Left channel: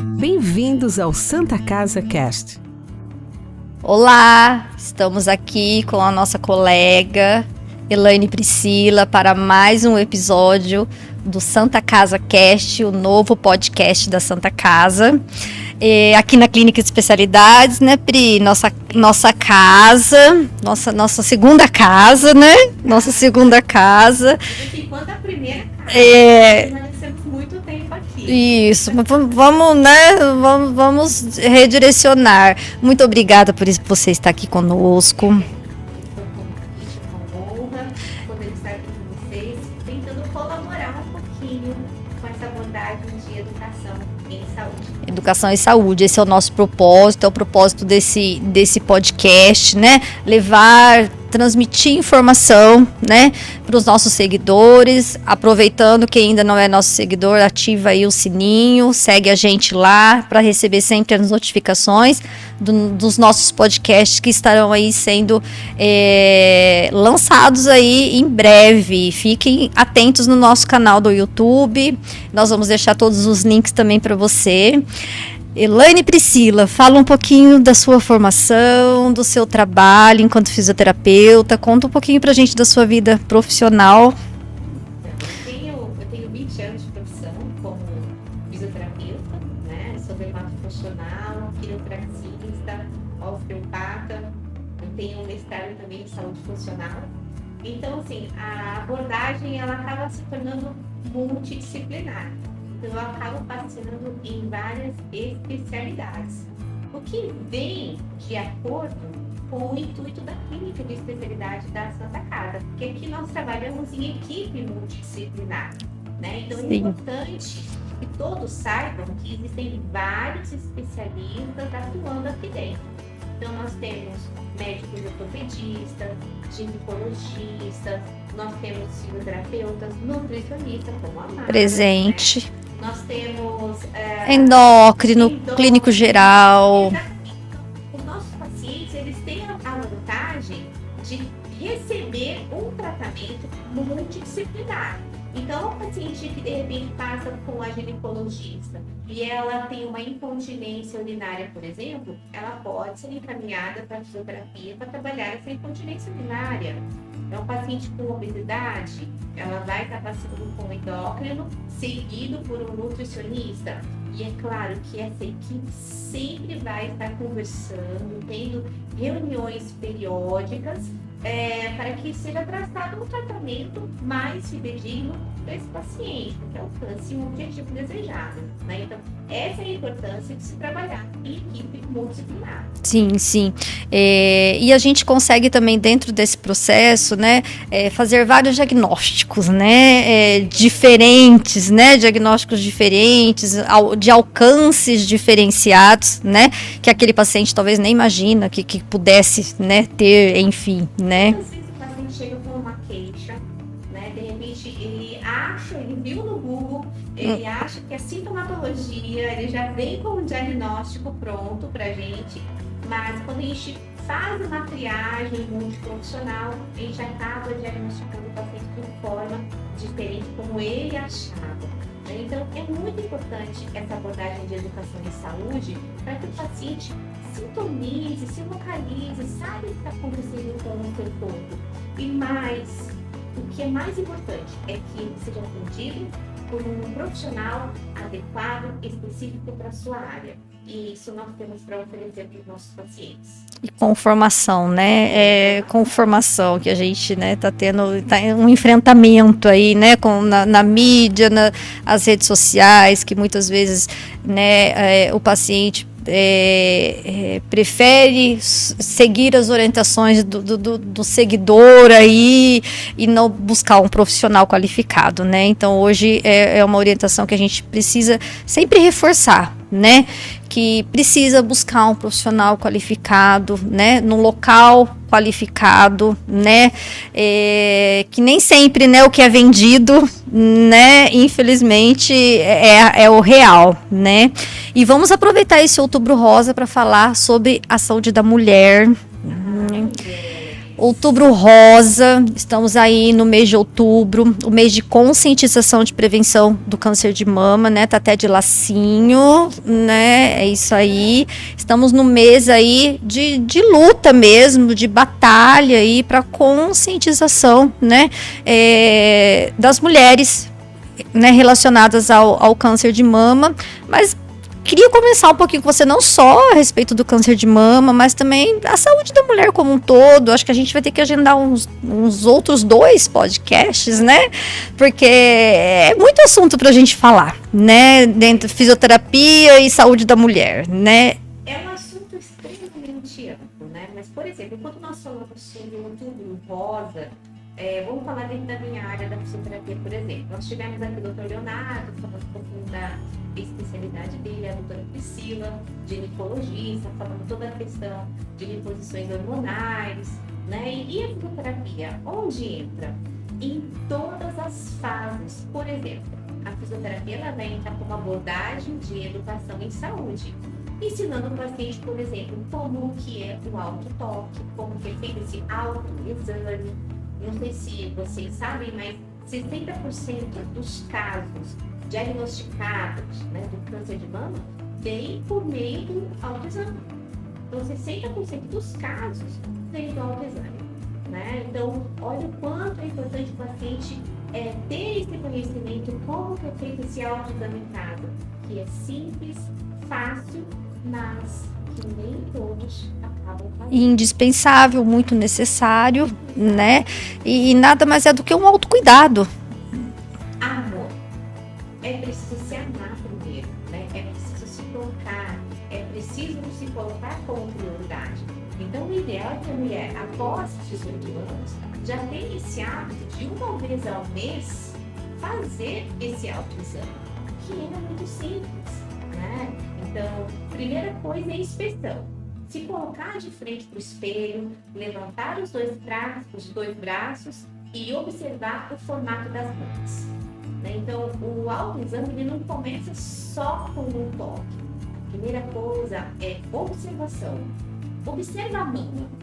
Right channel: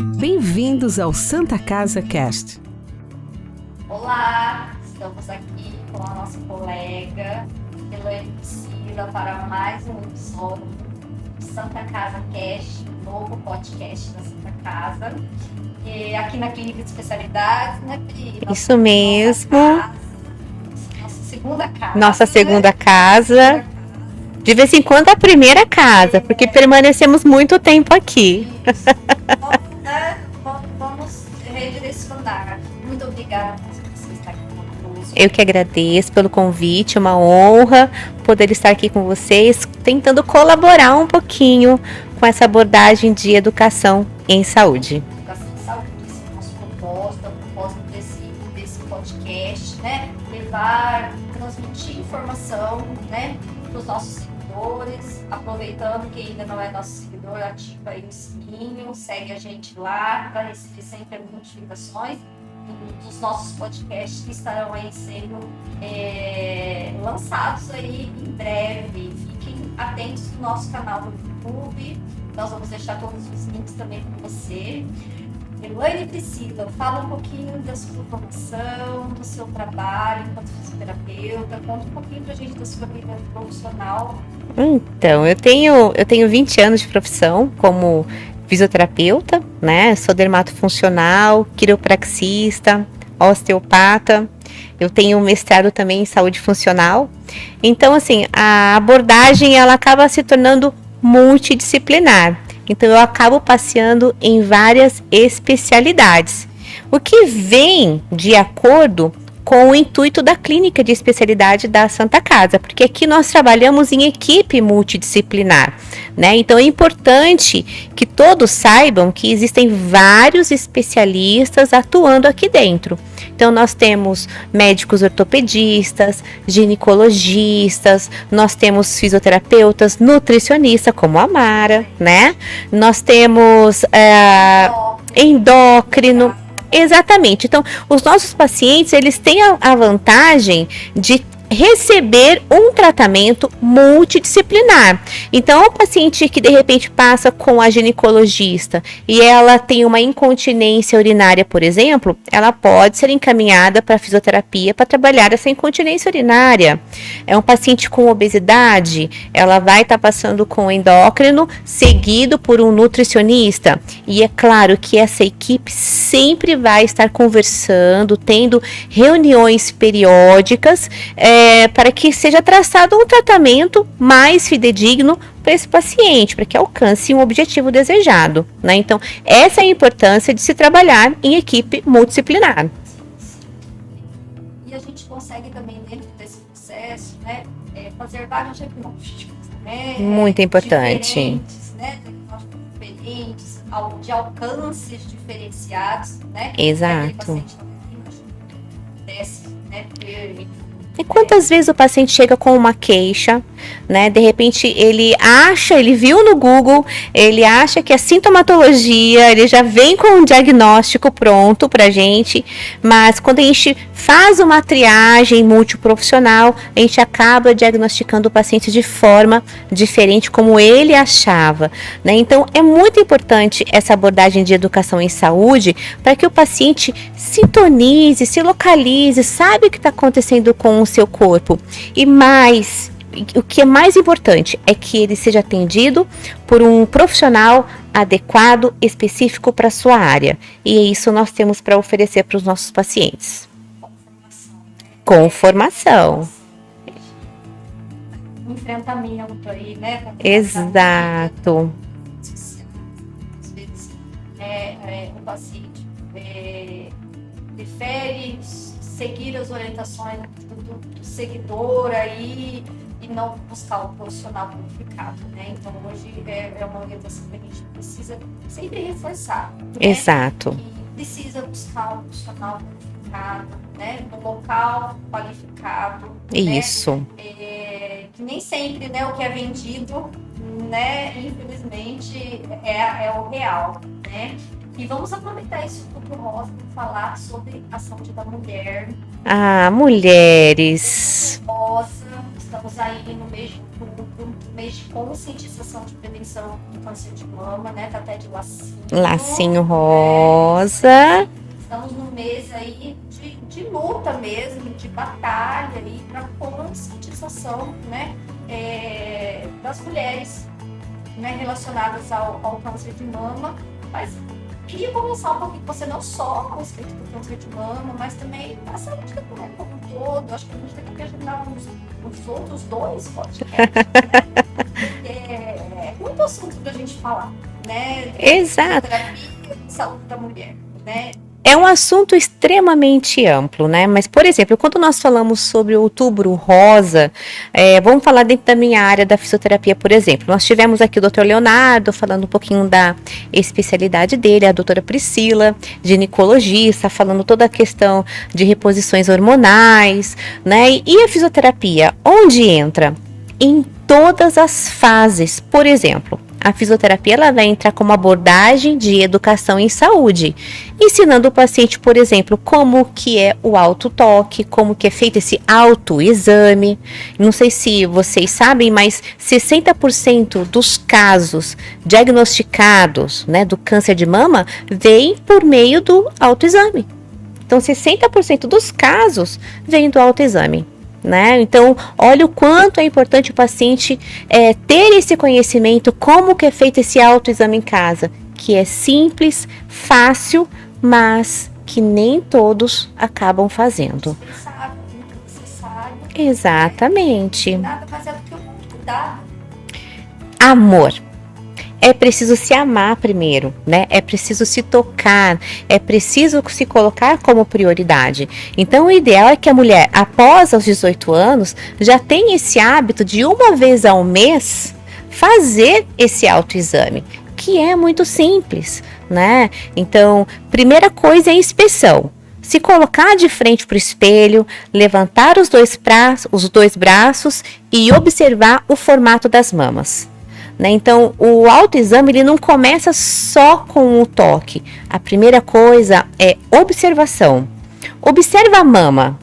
Bem-vindos ao Santa Casa Cast. Olá, estamos aqui com a nossa colega Elaine Priscila para mais um episódio do Santa Casa Cast, o novo podcast da Santa Casa. Aqui na Clínica de Especialidades, né, Pri? Nossa casa, nossa segunda casa, Nossa segunda casa. De vez em quando a primeira casa, porque permanecemos muito tempo aqui. Isso, vamos, né, vamos redirecionar. Muito obrigada por você estar aqui conosco. Eu que agradeço pelo convite, uma honra poder estar aqui com vocês, tentando colaborar um pouquinho com essa abordagem de educação em saúde. Educação em saúde, esse é o nosso propósito, é o propósito desse podcast, né? Transmitir informação, né, para os nossos seguidores. Aproveitando, quem ainda não é nosso seguidor, ativa aí o sininho, segue a gente lá para receber sempre as notificações dos nossos podcasts que estarão aí sendo lançados aí em breve. Fiquem atentos no nosso canal do YouTube. Nós vamos deixar todos os links também para você. Elaine Priscila, fala um pouquinho da sua formação, do seu trabalho enquanto fisioterapeuta. Conta um pouquinho pra gente da sua vida profissional. Então, eu tenho 20 anos de profissão como fisioterapeuta, né? Sou dermatofuncional, quiropraxista, osteopata. Eu tenho um mestrado também em saúde funcional. Então, assim, a abordagem ela acaba se tornando multidisciplinar. Então, eu acabo passeando em várias especialidades, o que vem de acordo com o intuito da clínica de especialidade da Santa Casa, porque aqui nós trabalhamos em equipe multidisciplinar, né? Então, é importante que todos saibam que existem vários especialistas atuando aqui dentro. Então, nós temos médicos ortopedistas, ginecologistas, nós temos fisioterapeutas, nutricionistas, como a Mara, presente, né? Nós temos endócrino, clínico geral. Exatamente. Então, os nossos pacientes, eles têm a vantagem de receber um tratamento multidisciplinar. Então, o paciente que de repente passa com a ginecologista e ela tem uma incontinência urinária, por exemplo, ela pode ser encaminhada para fisioterapia para trabalhar essa incontinência urinária. É um paciente com obesidade, ela vai estar passando com o endócrino, seguido por um nutricionista. E é claro que essa equipe sempre vai estar conversando, tendo reuniões periódicas, para que seja traçado um tratamento mais fidedigno para esse paciente, para que alcance um objetivo desejado, né? Então, essa é a importância de se trabalhar em equipe multidisciplinar. Sim, sim. E a gente consegue também, dentro desse processo, né, fazer vários diagnósticos, né? Muito importante. Diferentes, né? Diagnósticos diferentes, de alcances diferenciados, né? Exato. Que aquele paciente talvez nem imagina que pudesse, né, ter, enfim. E né? quantas vezes o paciente chega com uma queixa, né? De repente ele viu no Google, ele acha que é sintomatologia, ele já vem com um diagnóstico pronto pra gente, mas quando a gente faz uma triagem multiprofissional, a gente acaba diagnosticando o paciente de forma diferente como ele achava, né? Então, é muito importante essa abordagem de educação em saúde para que o paciente sintonize, se localize, sabe o que está acontecendo com o seu corpo. E o que é mais importante é que ele seja atendido por um profissional adequado, específico para a sua área. E é isso nós temos para oferecer para os nossos pacientes. E com formação, né? Com formação, que a gente, né, tá tendo um enfrentamento aí, né, na mídia, nas redes sociais, que muitas vezes, né, o paciente prefere seguir as orientações do seguidor aí e não buscar um profissional qualificado, né? Então, hoje é uma orientação que a gente precisa sempre reforçar, né? Exato. Que precisa buscar um profissional qualificado, né? Num local qualificado, Isso. né? Que nem sempre, né, o que é vendido, né, infelizmente é o real, né? E vamos aproveitar esse Outubro Rosa para falar sobre a saúde da mulher, Mulheres. Outubro Rosa, estamos aí no mês de outubro, o mês de conscientização de prevenção do câncer de mama, né? Tá até de lacinho rosa. Né? É isso aí. Estamos no mês aí de luta mesmo, de batalha aí para conscientização, né? Das mulheres, né? Relacionadas ao câncer de mama, mas queria conversar um pouquinho com você, não só a respeito do câncer de mama, mas também a saúde da mulher como um todo. Acho que a gente vai ter que agendar uns outros 2 podcasts, né? Porque é muito assunto pra gente falar, né? Dentro de fisioterapia e saúde da mulher, né? É um assunto extremamente amplo, né? Mas, por exemplo, quando nós falamos sobre o Outubro Rosa, vamos falar dentro da minha área da fisioterapia, por exemplo. Nós tivemos aqui o Dr. Leonardo falando um pouquinho da especialidade dele, a doutora Priscila, ginecologista, falando toda a questão de reposições hormonais, né? E a fisioterapia, onde entra? Em todas as fases. Por exemplo, a fisioterapia ela vai entrar como abordagem de educação em saúde, ensinando o paciente, por exemplo, como que é o autotoque, como que é feito esse autoexame. Não sei se vocês sabem, mas 60% dos casos diagnosticados, né, do câncer de mama vem por meio do autoexame. Então, 60% dos casos vem do autoexame. Né? Então, olha o quanto é importante o paciente ter esse conhecimento, como que é feito esse autoexame em casa, que é simples, fácil, mas que nem todos acabam fazendo. Indispensável, muito necessário. Exatamente. Né? E nada mais é do que um autocuidado. Amor. É preciso se amar primeiro, né? É preciso se tocar, é preciso se colocar como prioridade. Então, o ideal é que a mulher, após os 18 anos, já tenha esse hábito de uma vez ao mês fazer esse autoexame, que é muito simples, né? Então, primeira coisa é a inspeção. Se colocar de frente para o espelho, levantar os dois braços e observar o formato das mamas. Né? Então, o autoexame ele não começa só com o toque. A primeira coisa é observação. Observa a mama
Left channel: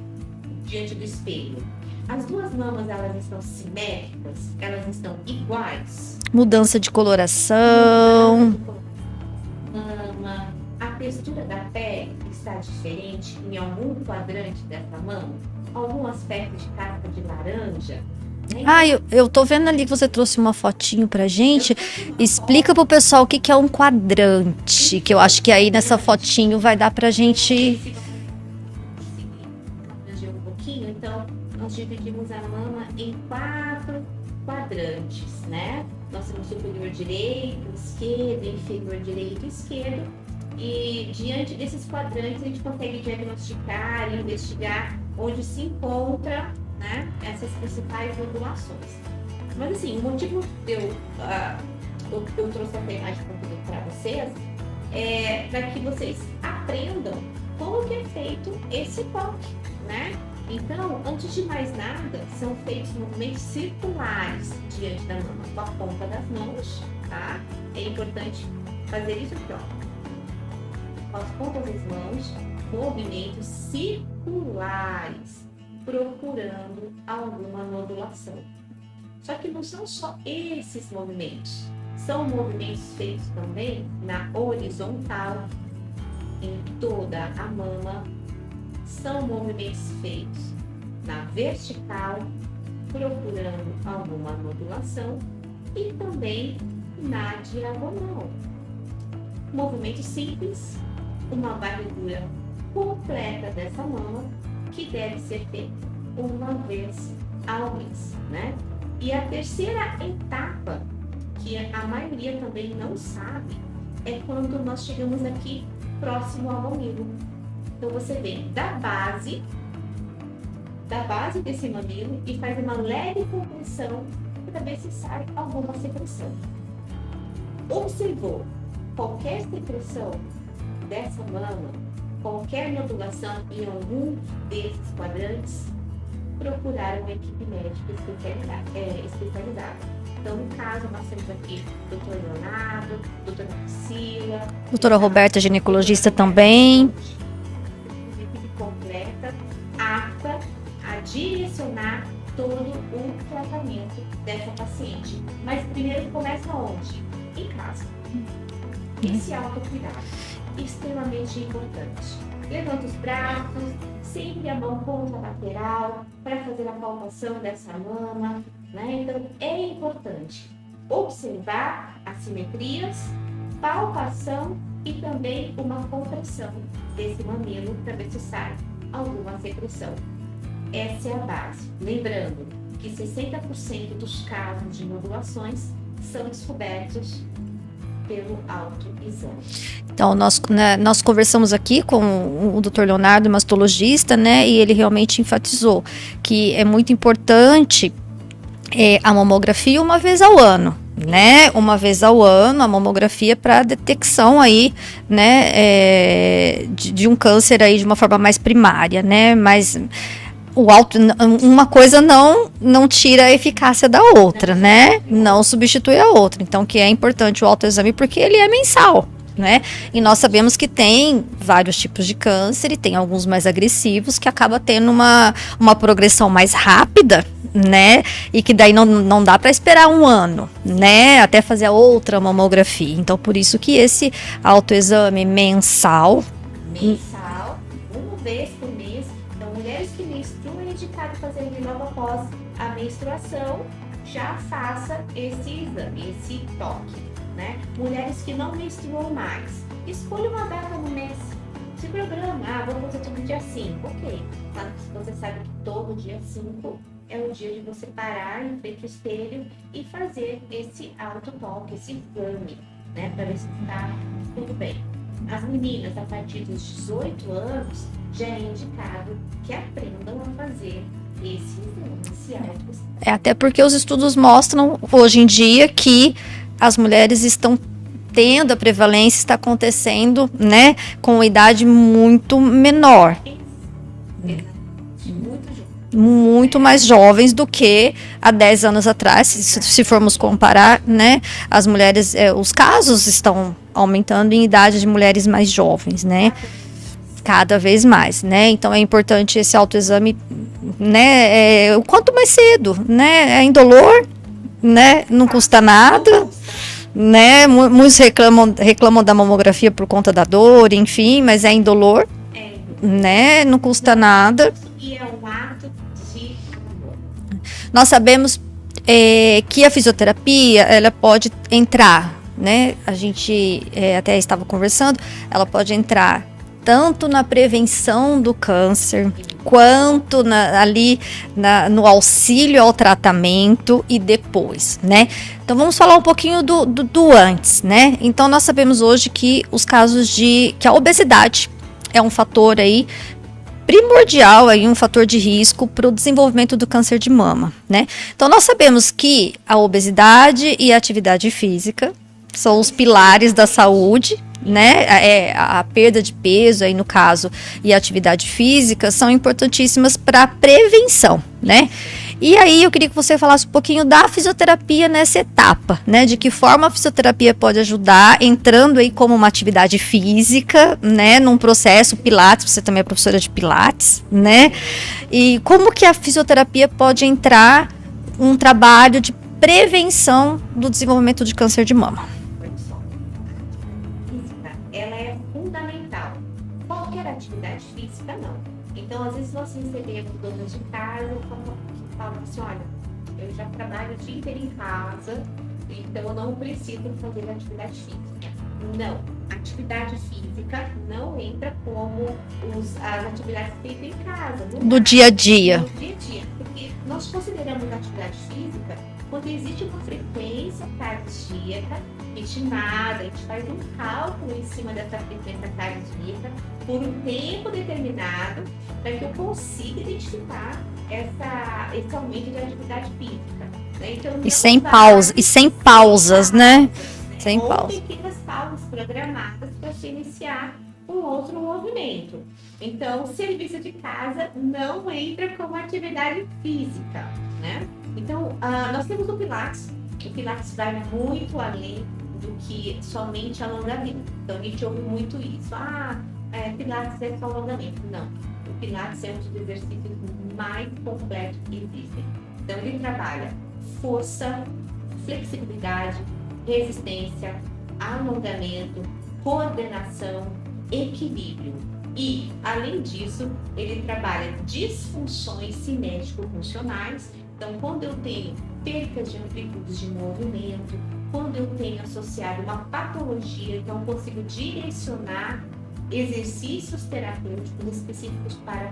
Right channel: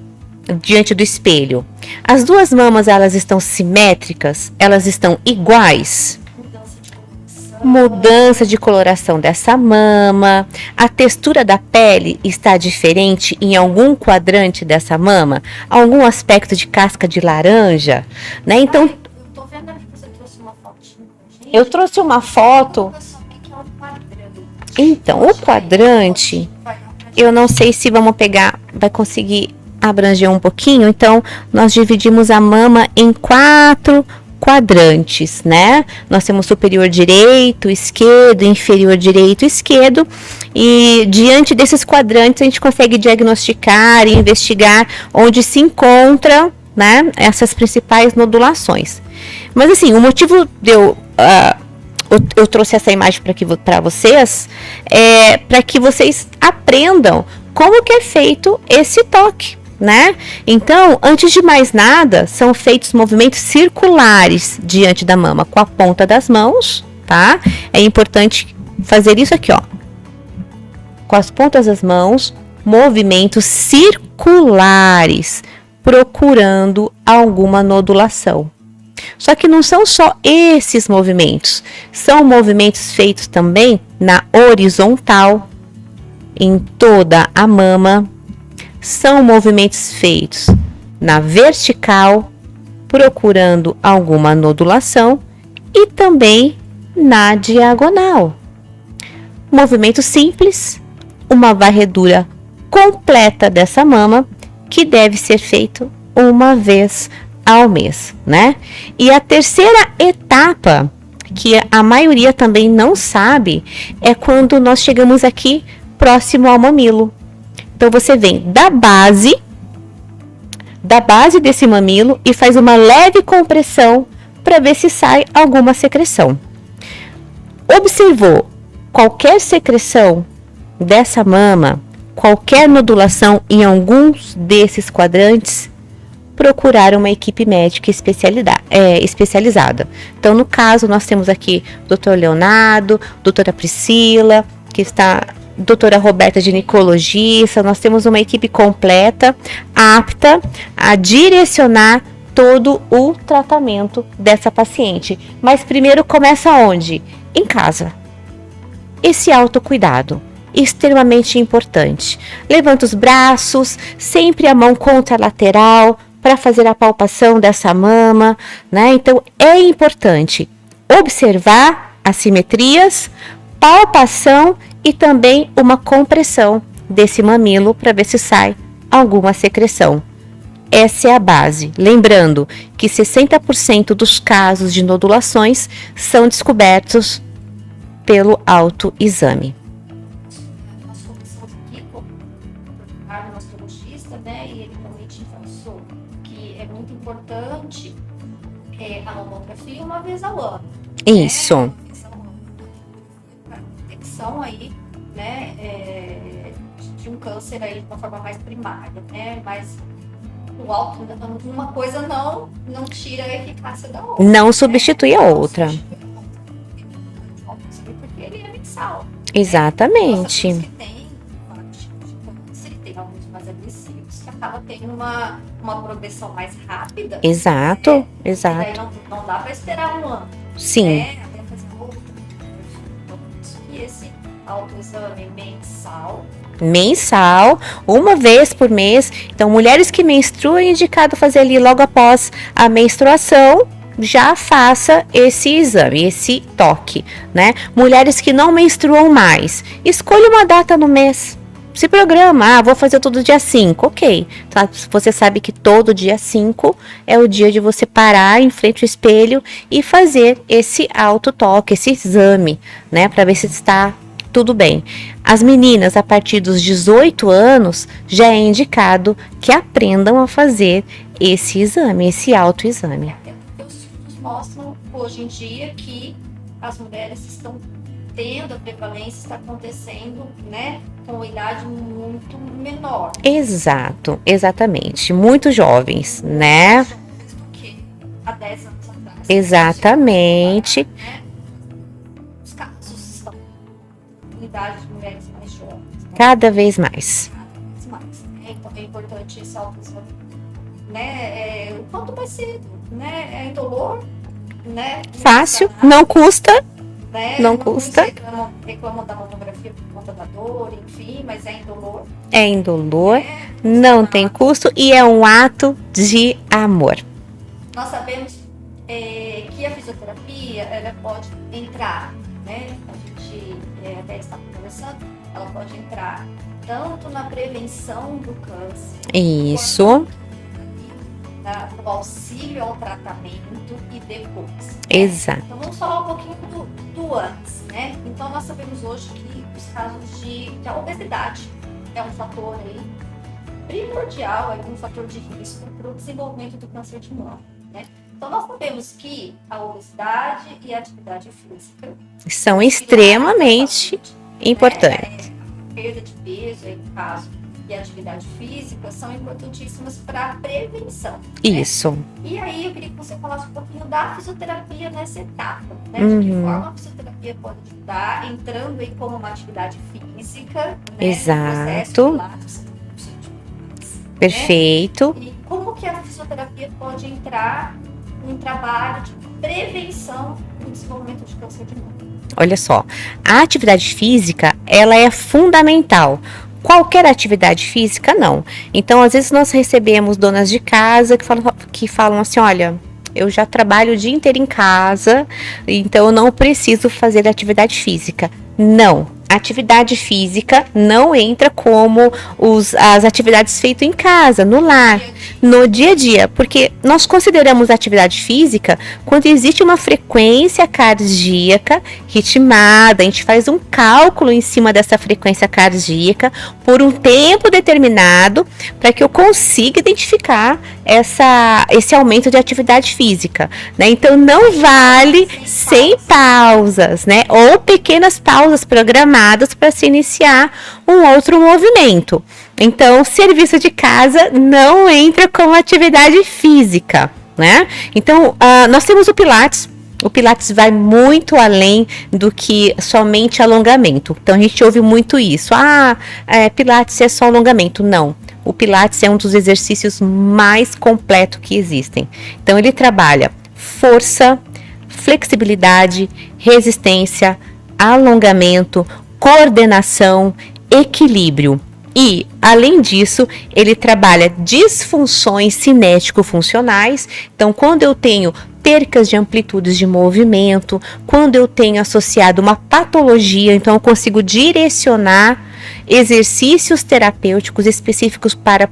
diante do espelho. As duas mamas, elas estão simétricas? Elas estão iguais? Mudança de coloração. Mudança de coloração dessa mama. A textura da pele está diferente em algum quadrante dessa mama? Algum aspecto de casca de laranja? Né? Então, eu tô vendo ali que você trouxe uma fotinho pra gente. Eu trouxe uma foto. Explica pro pessoal o que é um quadrante. Então, que eu acho que aí nessa fotinho vai dar pra gente. Eu não sei se vamos pegar, vai conseguir abranger um pouquinho. Então, nós dividimos a mama em 4 quadrantes, né? Nós temos superior direito, esquerdo, inferior direito, esquerdo, e diante desses quadrantes a gente consegue diagnosticar e investigar onde se encontra, né, essas principais nodulações. Mas assim, o motivo de eu trouxe essa imagem para vocês é para que vocês aprendam como que é feito esse toque. Né? Então, antes de mais nada, são feitos movimentos circulares diante da mama com a ponta das mãos, tá? É importante fazer isso aqui, ó. Com as pontas das mãos, movimentos circulares, procurando alguma nodulação. Só que não são só esses movimentos, são movimentos feitos também na horizontal, em toda a mama. São movimentos feitos na vertical, procurando alguma nodulação, e também na diagonal. Movimento simples, uma varredura completa dessa mama, que deve ser feito uma vez ao mês, né? E a terceira etapa, que a maioria também não sabe, é quando nós chegamos aqui próximo ao mamilo. Então, você vem da base desse mamilo e faz uma leve compressão para ver se sai alguma secreção. Observou qualquer secreção dessa mama, qualquer nodulação em alguns desses quadrantes, procurar uma equipe médica especializada. Então, no caso, nós temos aqui Dr. Leonardo, doutora Priscila, Doutora Roberta, ginecologista. Nós temos uma equipe completa, apta a direcionar todo o tratamento dessa paciente. Mas primeiro começa onde? Em casa. Esse autocuidado, extremamente importante. Levanta os braços, sempre a mão contralateral, para fazer a palpação dessa mama, né? Então, é importante observar assimetrias, palpação e também uma compressão desse mamilo para ver se sai alguma secreção. Essa é a base. Lembrando que 60% dos casos de nodulações são descobertos pelo autoexame. Então, nós conversamos aqui com o Dr. Leonardo, mastologista, né? E ele realmente enfatizou que é muito importante a mamografia uma vez ao ano. Né? Uma vez ao ano, a mamografia para detecção aí, né? De um câncer aí de uma forma mais primária, né? Mas uma coisa não tira a eficácia da outra, não substitui a outra. Não substitui a outra. Então, que é importante o autoexame porque ele é mensal. Exatamente. Né? E nós sabemos que tem vários tipos de câncer e tem alguns mais agressivos que acaba tendo uma progressão mais rápida, exato, né? Exato. E que daí não dá para esperar um ano, sim, né? Até fazer a outra mamografia. Então, por isso que esse autoexame mensal, uma vez por mês. Então, mulheres que menstruam é indicado fazer ali logo após a menstruação. Já faça esse exame, esse toque, né? Mulheres que não menstruam mais, escolha uma data no mês. Se programa, vou fazer todo dia 5, ok. Tá? Você sabe que todo dia 5 é o dia de você parar em frente ao espelho e fazer esse autotoque, esse exame, né? Para ver se está tudo bem. As meninas, a partir dos 18 anos, já é indicado que aprendam a fazer esse exame, esse autoexame. Até porque os estudos mostram, hoje em dia, que as mulheres estão tendo a prevalência, está acontecendo, né, com idade muito menor. Exato, exatamente. Muito jovens, muito, né? mais jovens do que há 10 anos atrás. Exatamente. Se formos comparar, né, as mulheres, os casos estão aumentando em idade de mulheres mais jovens, né? Cada vez mais. Cada vez mais, né? Então é importante esse autoexame, né, o quanto mais cedo, né? É indolor, né? Não fácil, custa nada. Não custa. Né? Muitos reclamam da mamografia por conta da dor, enfim, mas é indolor. É indolor. Né? Não custa nada. Não tem custo e é um ato de amor. Nós sabemos que a fisioterapia, ela pode entrar, né? A gente até estava conversando, ela pode entrar tanto na prevenção do câncer, isso, quanto no auxílio ao tratamento e depois, né? Exato. Então vamos falar um pouquinho do antes, né? Então nós sabemos hoje que os casos que a obesidade é um fator aí primordial, aí, um fator de risco para o desenvolvimento do câncer de mama, né? Então nós sabemos que a obesidade e a atividade física são os pilares da saúde, né? A perda de peso, aí no caso, e a atividade física são importantíssimas para a prevenção, né? Isso. E aí eu queria que você falasse um pouquinho da fisioterapia nessa etapa, né? De que forma a fisioterapia pode ajudar, entrando aí como uma atividade física, né? Exato. Num processo Pilates, você também é professora de Pilates, né? Perfeito. E como que a fisioterapia pode entrar um trabalho de prevenção do desenvolvimento de câncer de mama? Olha só, a atividade física, ela é fundamental. Qualquer atividade física, não. Então, às vezes nós recebemos donas de casa que falam assim, olha, eu já trabalho o dia inteiro em casa, então eu não preciso fazer atividade física. Não, atividade física não entra como as atividades feitas em casa, no lar. No dia a dia. No dia a dia, porque nós consideramos atividade física quando existe uma frequência cardíaca ritmada, a gente faz um cálculo em cima dessa frequência cardíaca por um tempo determinado para que eu consiga identificar esse aumento de atividade física, né? Então não sem vale sem pausas, né? Sem Ou pausas. Pequenas pausas programadas para se iniciar um outro movimento. Então, serviço de casa não entra como atividade física, né? Então, nós temos o Pilates. O Pilates vai muito além do que somente alongamento. Então a gente ouve muito isso. Pilates é só alongamento. Não. O Pilates é um dos exercícios mais completos que existem. Então ele trabalha força, flexibilidade, resistência, alongamento, coordenação, equilíbrio. E, além disso, ele trabalha disfunções cinético-funcionais. Então, quando eu tenho percas de amplitudes de movimento, quando eu tenho associado uma patologia, então eu consigo direcionar exercícios terapêuticos específicos para,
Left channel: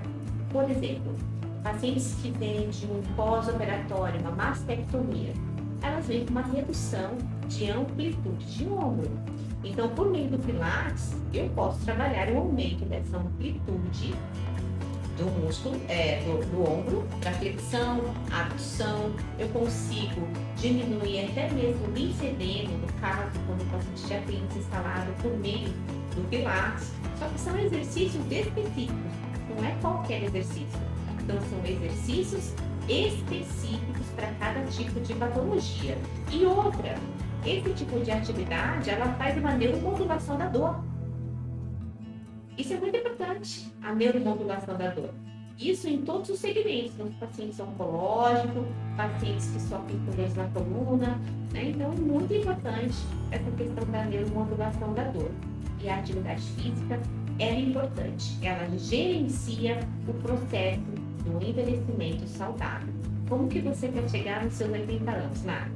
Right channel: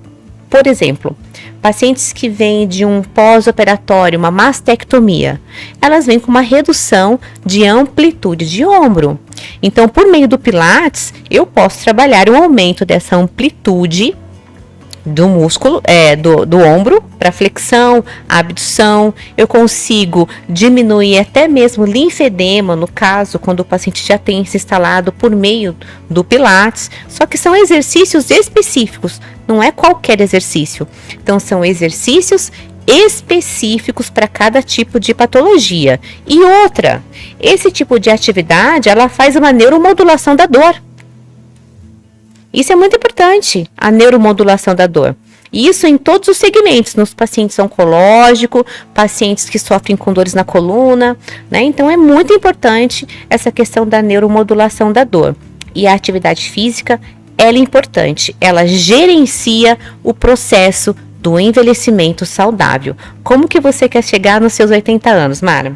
por exemplo, pacientes que vêm de um pós-operatório, uma mastectomia, elas vêm com uma redução de amplitude de ombro. Então, por meio do Pilates, eu posso trabalhar um aumento dessa amplitude do músculo, do ombro, para flexão, abdução. Eu consigo diminuir até mesmo linfedema, no caso, quando o paciente já tem se instalado por meio do Pilates. Só que são exercícios específicos, não é qualquer exercício. Então, são exercícios específicos para cada tipo de patologia. E outra, esse tipo de atividade, ela faz uma neuromodulação da dor. Isso é muito importante, a neuromodulação da dor. Isso em todos os segmentos, nos pacientes oncológicos, pacientes que sofrem com dores na coluna, né? Então é muito importante essa questão da neuromodulação da dor. E a atividade física, ela é importante, ela gerencia o processo do envelhecimento saudável. Como que você quer chegar nos seus 80 anos, Mara?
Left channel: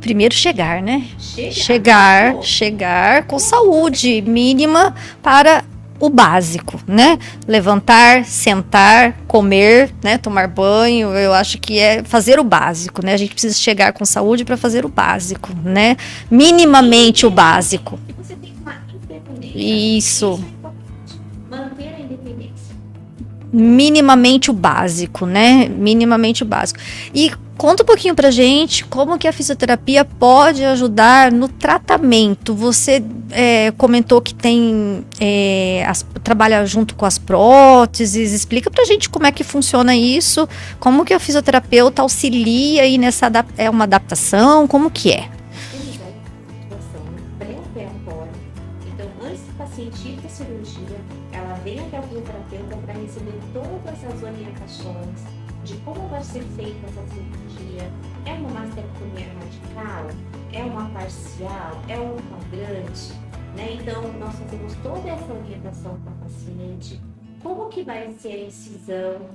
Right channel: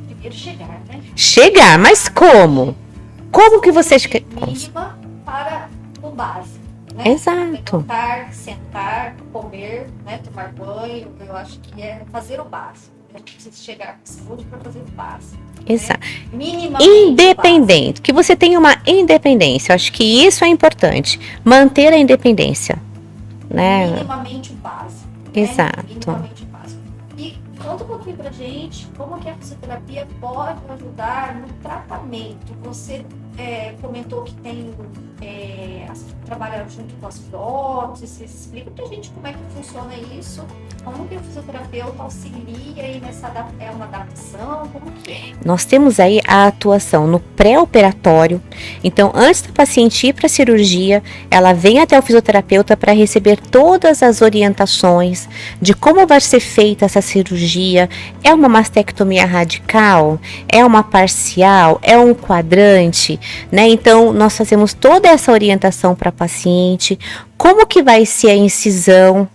Primeiro chegar, né? Chegar, mas como? Chegar com como saúde que você mínima para o básico, né? Exato. Levantar, sentar, comer, né? Tomar banho. Eu acho que é fazer o básico, né? A gente precisa chegar com saúde para fazer o básico, né? Minimamente o básico. Que você tenha uma independência. Acho que isso é importante. Manter a independência. Né? Minimamente o básico, né? Exato. Minimamente o básico. E conta um pouquinho pra gente como que a fisioterapia pode ajudar no tratamento. Você comentou que trabalha junto com as próteses. Explica pra gente como é que funciona isso, como que a fisioterapeuta auxilia aí nessa uma adaptação, como que é? Nós temos aí a atuação no pré-operatório. Então, antes da paciente ir para a cirurgia, ela vem até o fisioterapeuta para receber todas as orientações de como vai ser feita essa cirurgia. É uma mastectomia radical? É uma parcial? É um quadrante? Né? Então, nós fazemos toda essa orientação para a paciente. Como que vai ser a incisão?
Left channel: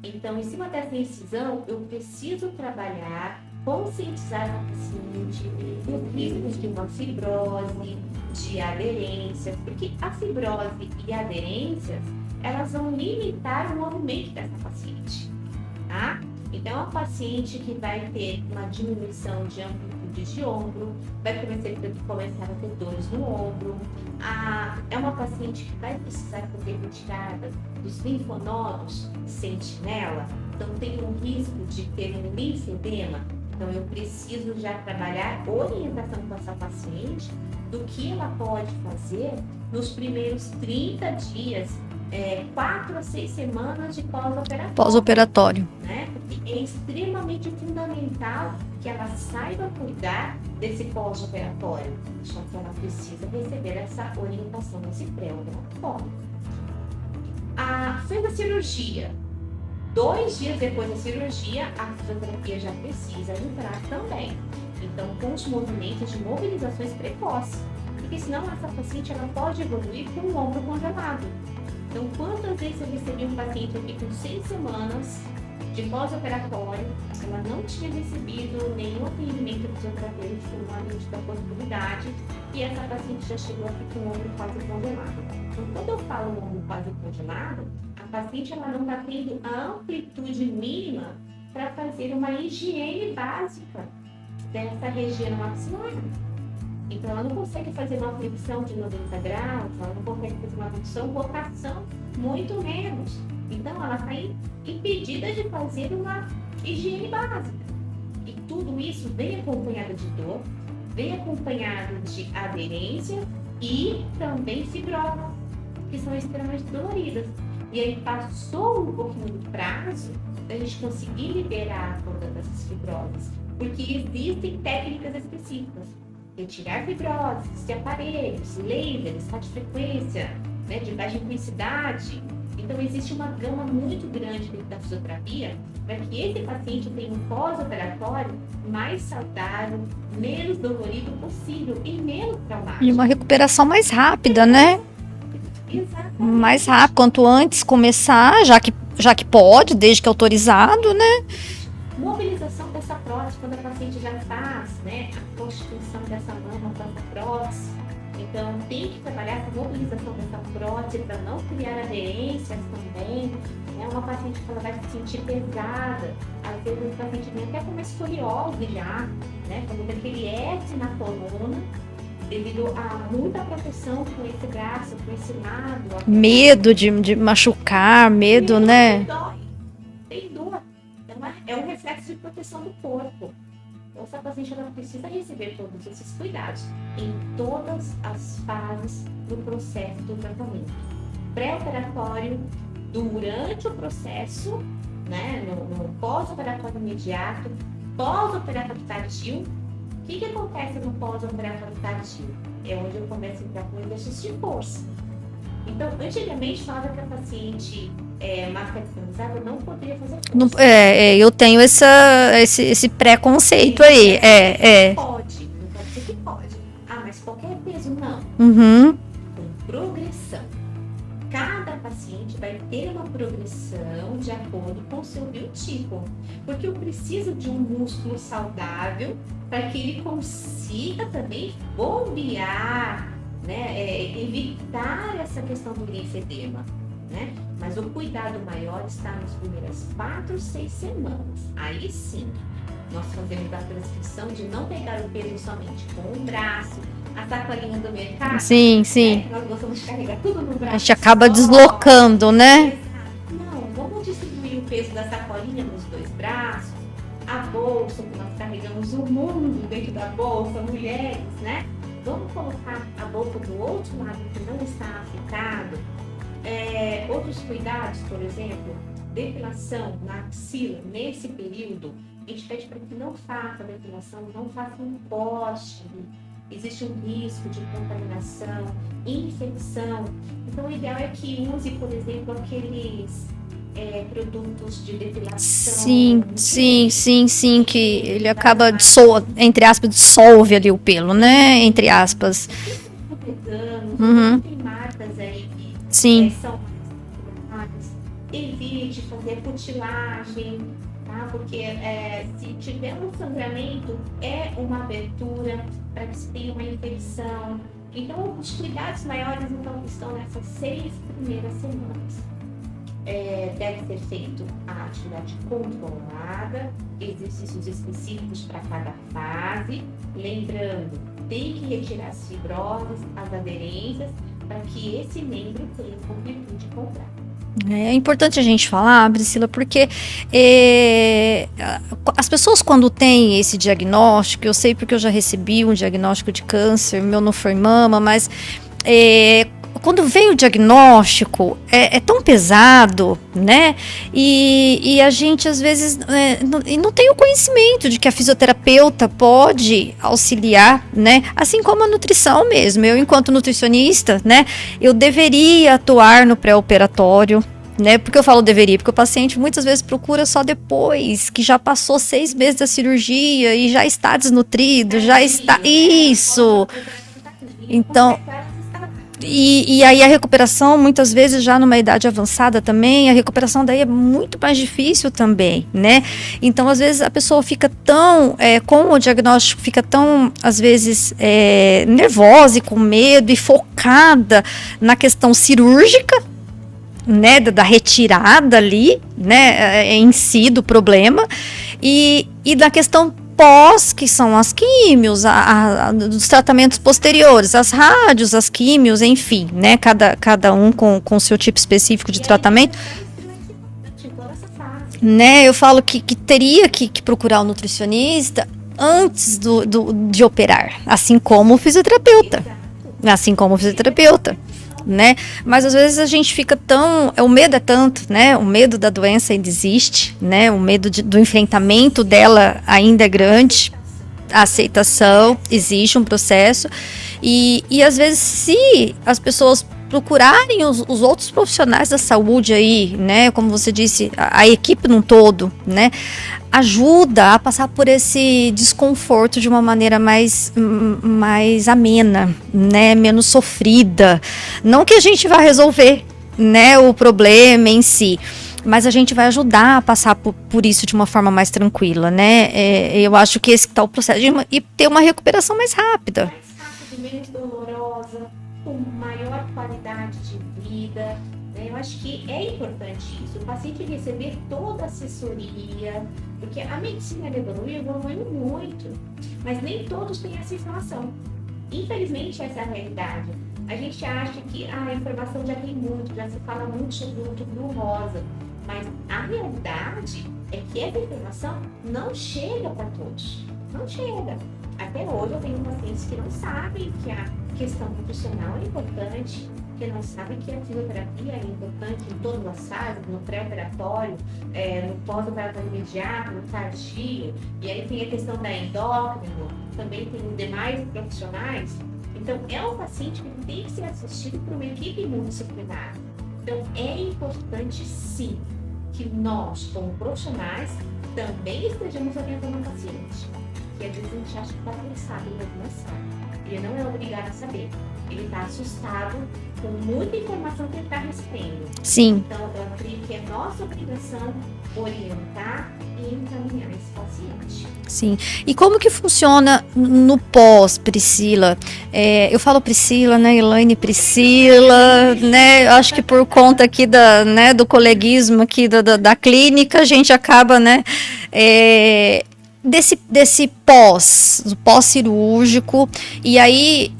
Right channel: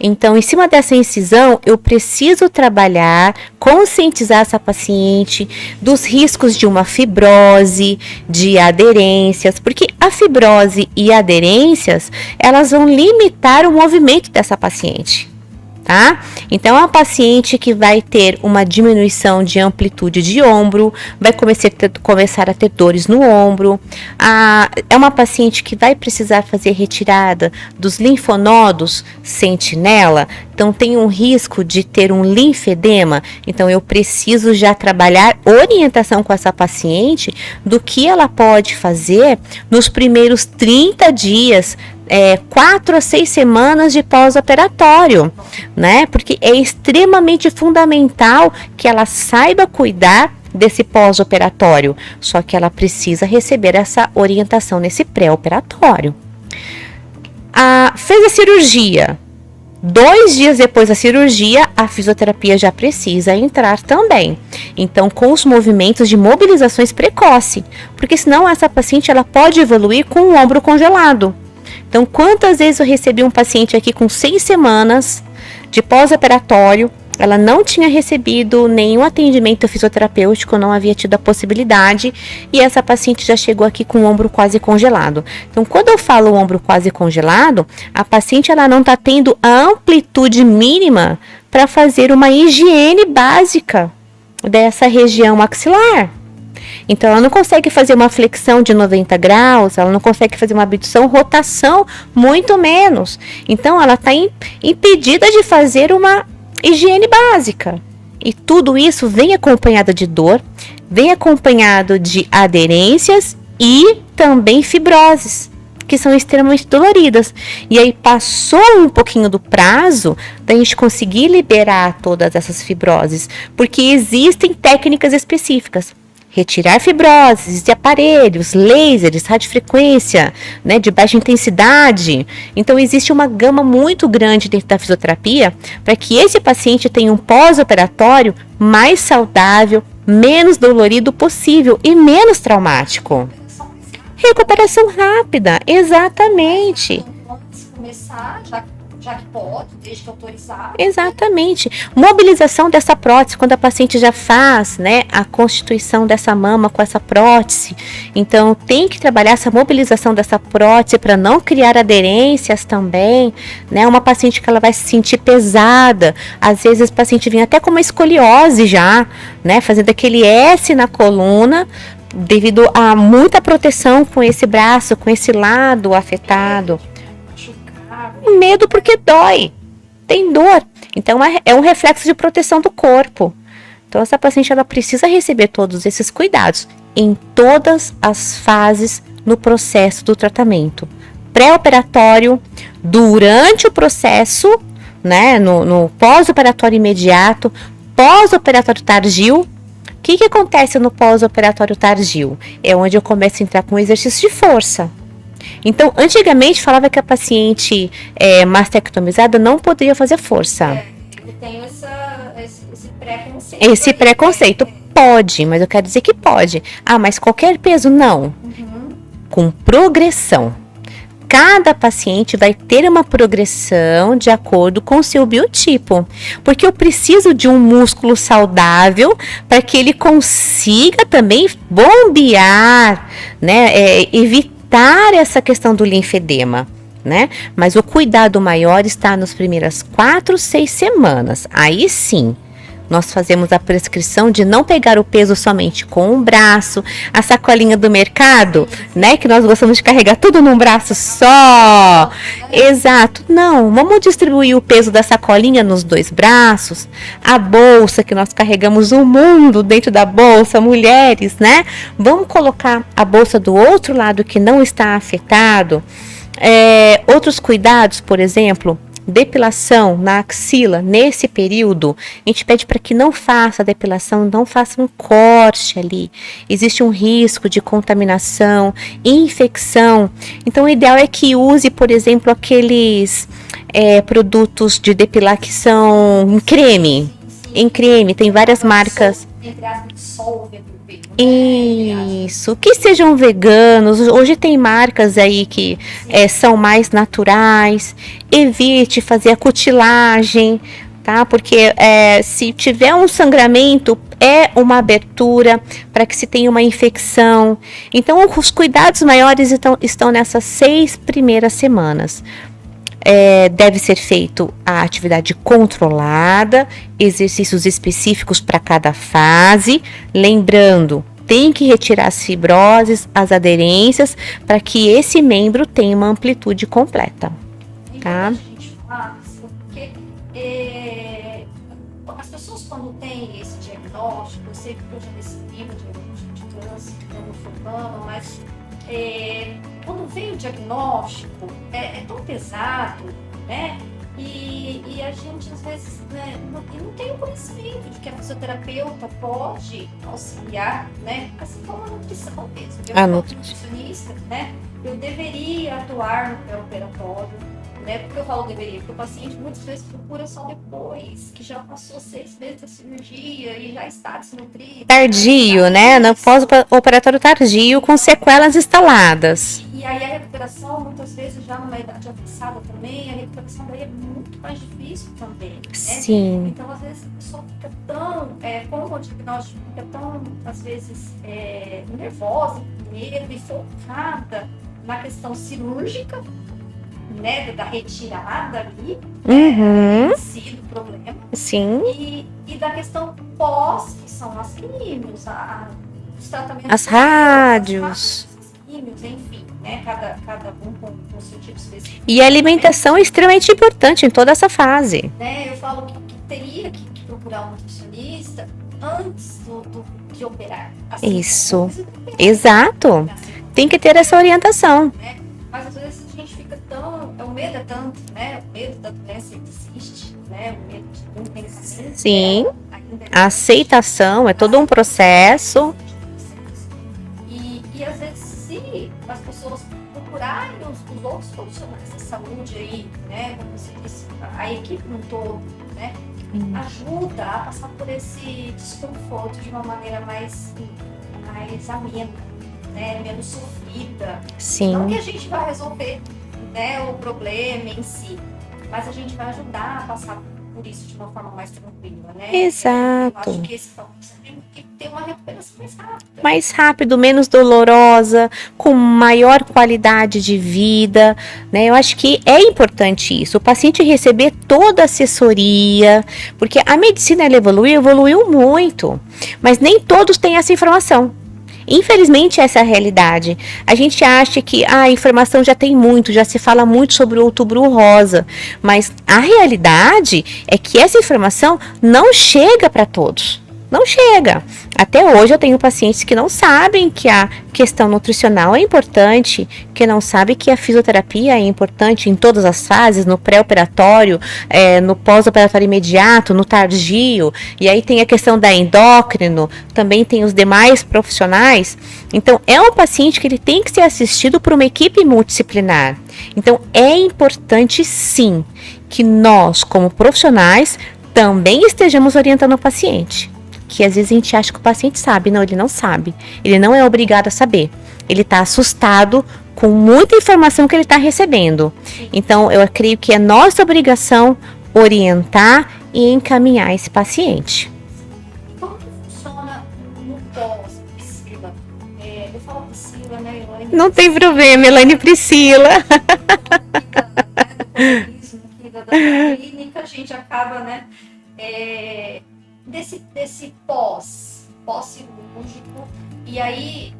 Então, em cima dessa incisão, eu preciso trabalhar, conscientizar essa paciente dos riscos de uma fibrose, de aderências, porque a fibrose e aderências, elas vão limitar o movimento dessa paciente. Tá? Então, é uma paciente que vai ter uma diminuição de amplitude de ombro, vai começar a ter dores no ombro. É uma paciente que vai precisar fazer retirada dos linfonodos sentinela, então tem um risco de ter um linfedema. Então, eu preciso já trabalhar orientação com essa paciente do que ela pode fazer nos primeiros 30 dias, 4 a 6 semanas de pós-operatório, né? Porque é extremamente fundamental que ela saiba cuidar desse pós-operatório, só que ela precisa receber essa orientação nesse pré-operatório. Fez a cirurgia, 2 dias depois da cirurgia, a fisioterapia já precisa entrar também. Então, com os movimentos de mobilizações precoce, porque senão essa paciente ela pode evoluir com o ombro congelado. Então, quantas vezes eu recebi um paciente aqui com 6 semanas de pós-operatório, ela não tinha recebido nenhum atendimento fisioterapêutico, não havia tido a possibilidade, e essa paciente já chegou aqui com o ombro quase congelado. Então, quando eu falo ombro quase congelado, a paciente ela não está tendo a amplitude mínima para fazer uma higiene básica dessa região maxilar. Então, ela não consegue fazer uma flexão de 90 graus, ela não consegue fazer uma abdução, rotação, muito menos. Então, ela está impedida de fazer uma higiene básica. E tudo isso vem acompanhado de dor, vem acompanhado de aderências e também fibroses, que são extremamente doloridas. E aí passou um pouquinho do prazo da gente conseguir liberar todas essas fibroses, porque existem técnicas específicas. Retirar fibroses de aparelhos, lasers, radiofrequência, né, de baixa intensidade. Então, existe uma gama muito grande dentro da fisioterapia para que esse paciente tenha um pós-operatório mais saudável, menos dolorido possível e menos traumático. Uma recuperação mais rápida, Recuperação rápida, exatamente. Mais rápido, quanto antes começar, já que pode, desde que autorizado, exatamente. Mobilização dessa prótese, quando a paciente já faz, né, a constituição dessa mama com essa prótese. Então, tem que trabalhar essa mobilização dessa prótese para não criar aderências também, né? Uma paciente que ela vai se sentir pesada, às vezes o paciente vem até com uma escoliose já, né, fazendo aquele S na coluna, devido a muita proteção com esse braço, com esse lado afetado. Medo de machucar, medo, né? Porque dói, tem dor. Então é um reflexo de proteção do corpo. Então essa paciente ela precisa receber todos esses cuidados em todas as fases no processo do tratamento. Pré-operatório, durante o processo, né, no pós-operatório imediato, pós-operatório tardio. O que acontece no pós-operatório tardio? É onde eu começo a entrar com exercício de força. Então, antigamente falava que a paciente mastectomizada não poderia fazer força. Eu tenho esse preconceito. Esse preconceito. Pode, mas eu quero dizer que pode. Ah, mas qualquer peso? Não. Uhum. Com progressão. Cada paciente vai ter uma progressão de acordo com o seu biotipo, porque eu preciso de um músculo saudável para que ele consiga também bombear, né, evitar essa questão do linfedema, né? Mas o cuidado maior está nas primeiras 4, 6 semanas. Aí sim, nós fazemos a prescrição de não pegar o peso somente com o braço, a sacolinha do mercado, sim. né? Que nós gostamos de carregar tudo num braço que acaba só. deslocando, né? Exato. Não, vamos distribuir o peso da sacolinha nos 2 braços. A bolsa, que nós carregamos o mundo dentro da bolsa, mulheres, né? Vamos colocar a bolsa do outro lado que não está afetado. Outros cuidados, por exemplo, depilação na axila, nesse período, a gente pede para que não faça a depilação, não faça um corte ali. Existe um risco de contaminação, infecção. Então, o ideal é que use, por exemplo, aqueles produtos de depilar que são em creme. Sim. Em creme, tem várias marcas. Entre aspas, dissolve ali o pelo, né? Entre aspas. Que sejam veganos. Hoje tem marcas aí que são mais naturais. Evite fazer a cutilagem, tá? Porque se tiver um sangramento, é uma abertura para que se tenha uma infecção. Então, os cuidados maiores estão nessas 6 primeiras semanas. Deve ser feito a atividade controlada, exercícios específicos para cada fase. Lembrando, tem que retirar as fibroses, as aderências, para que esse membro tenha uma amplitude completa. É importante a gente falar, Priscila, porque as pessoas quando têm esse diagnóstico, eu sei porque eu já recebi um diagnóstico de câncer, meu não foi mama, mas quando vem o diagnóstico, é tão pesado, né? E a gente, às vezes, não tem o conhecimento de que a fisioterapeuta pode auxiliar, né? Assim como a nutrição mesmo. Eu, enquanto nutricionista, né? Eu deveria atuar no pré-operatório, né? Porque eu falo deveria, porque o paciente muitas vezes procura só depois que já passou 6 meses da cirurgia e já está desnutrido. Tardio, já está, né? No pós-operatório tardio, então, com sequelas instaladas. E aí a recuperação, muitas vezes já numa idade avançada também, a recuperação daí é muito mais difícil também, né? Sim. Então, às vezes, a pessoa fica tão, com o diagnóstico, fica tão, às vezes, nervosa e com medo e focada na questão cirúrgica, né, da retirada ali, né, em si do problema. Sim. E da questão pós, que são as químios, dos tratamentos posteriores, as rádios, as químios, enfim, né, cada um com o seu tipo específico de tratamento. E a alimentação é extremamente importante em toda essa fase. Né, eu falo que teria que procurar um nutricionista antes de operar, assim Isso. como o fisioterapeuta. Exato. Assim como o Tem que ter fisioterapeuta. essa orientação. Né? Mas às vezes a gente fica o medo é tanto, né? O medo da doença ainda existe, né? O medo do enfrentamento Sim. dela ainda é grande. A aceitação é todo um processo. Existe um processo. E às vezes, se as pessoas procurarem os outros profissionais da saúde aí, né? Como você disse, a equipe num todo, né? Ajuda a passar por esse desconforto de uma maneira mais amena, né? Menos sofrida. Sim. Não que a gente vá resolver, né? O problema em si. Mas a gente vai ajudar a passar por isso de uma forma mais tranquila, né? Eu acho que esse que tá o processo e ter uma recuperação mais rápida. Mais rápido, menos dolorosa, com maior qualidade de vida, né? Eu acho que é importante isso, o paciente receber toda a assessoria, porque a medicina ela evoluiu muito, mas nem todos têm essa informação. Infelizmente, essa é a realidade. A gente acha que a informação já tem muito, já se fala muito sobre o Outubro Rosa, mas a realidade é que essa informação não chega para todos. Não chega. Até hoje eu tenho pacientes que não sabem que a questão nutricional é importante, que não sabem que a fisioterapia é importante em todas as fases, no pré-operatório, no pós-operatório imediato, no tardio, e aí tem a questão da endócrino, também tem os demais profissionais. Então, é um paciente que ele tem que ser assistido por uma equipe multidisciplinar. Então, é importante sim que nós, como profissionais, também estejamos orientando o paciente. Que às vezes a gente acha que o paciente sabe. Não, ele não sabe. Ele não é obrigado a saber. Ele está assustado com muita informação que ele está recebendo. Sim. Então, eu creio que é nossa obrigação orientar e encaminhar esse paciente. Sim. E como que funciona no pós, Priscila? Eu falo Priscila, né? Elaine não Priscila. Não tem problema, Elaine Priscila. Né? Acho que por conta aqui do coleguismo aqui da clínica, a gente acaba, né? Desse pós-cirúrgico, e aí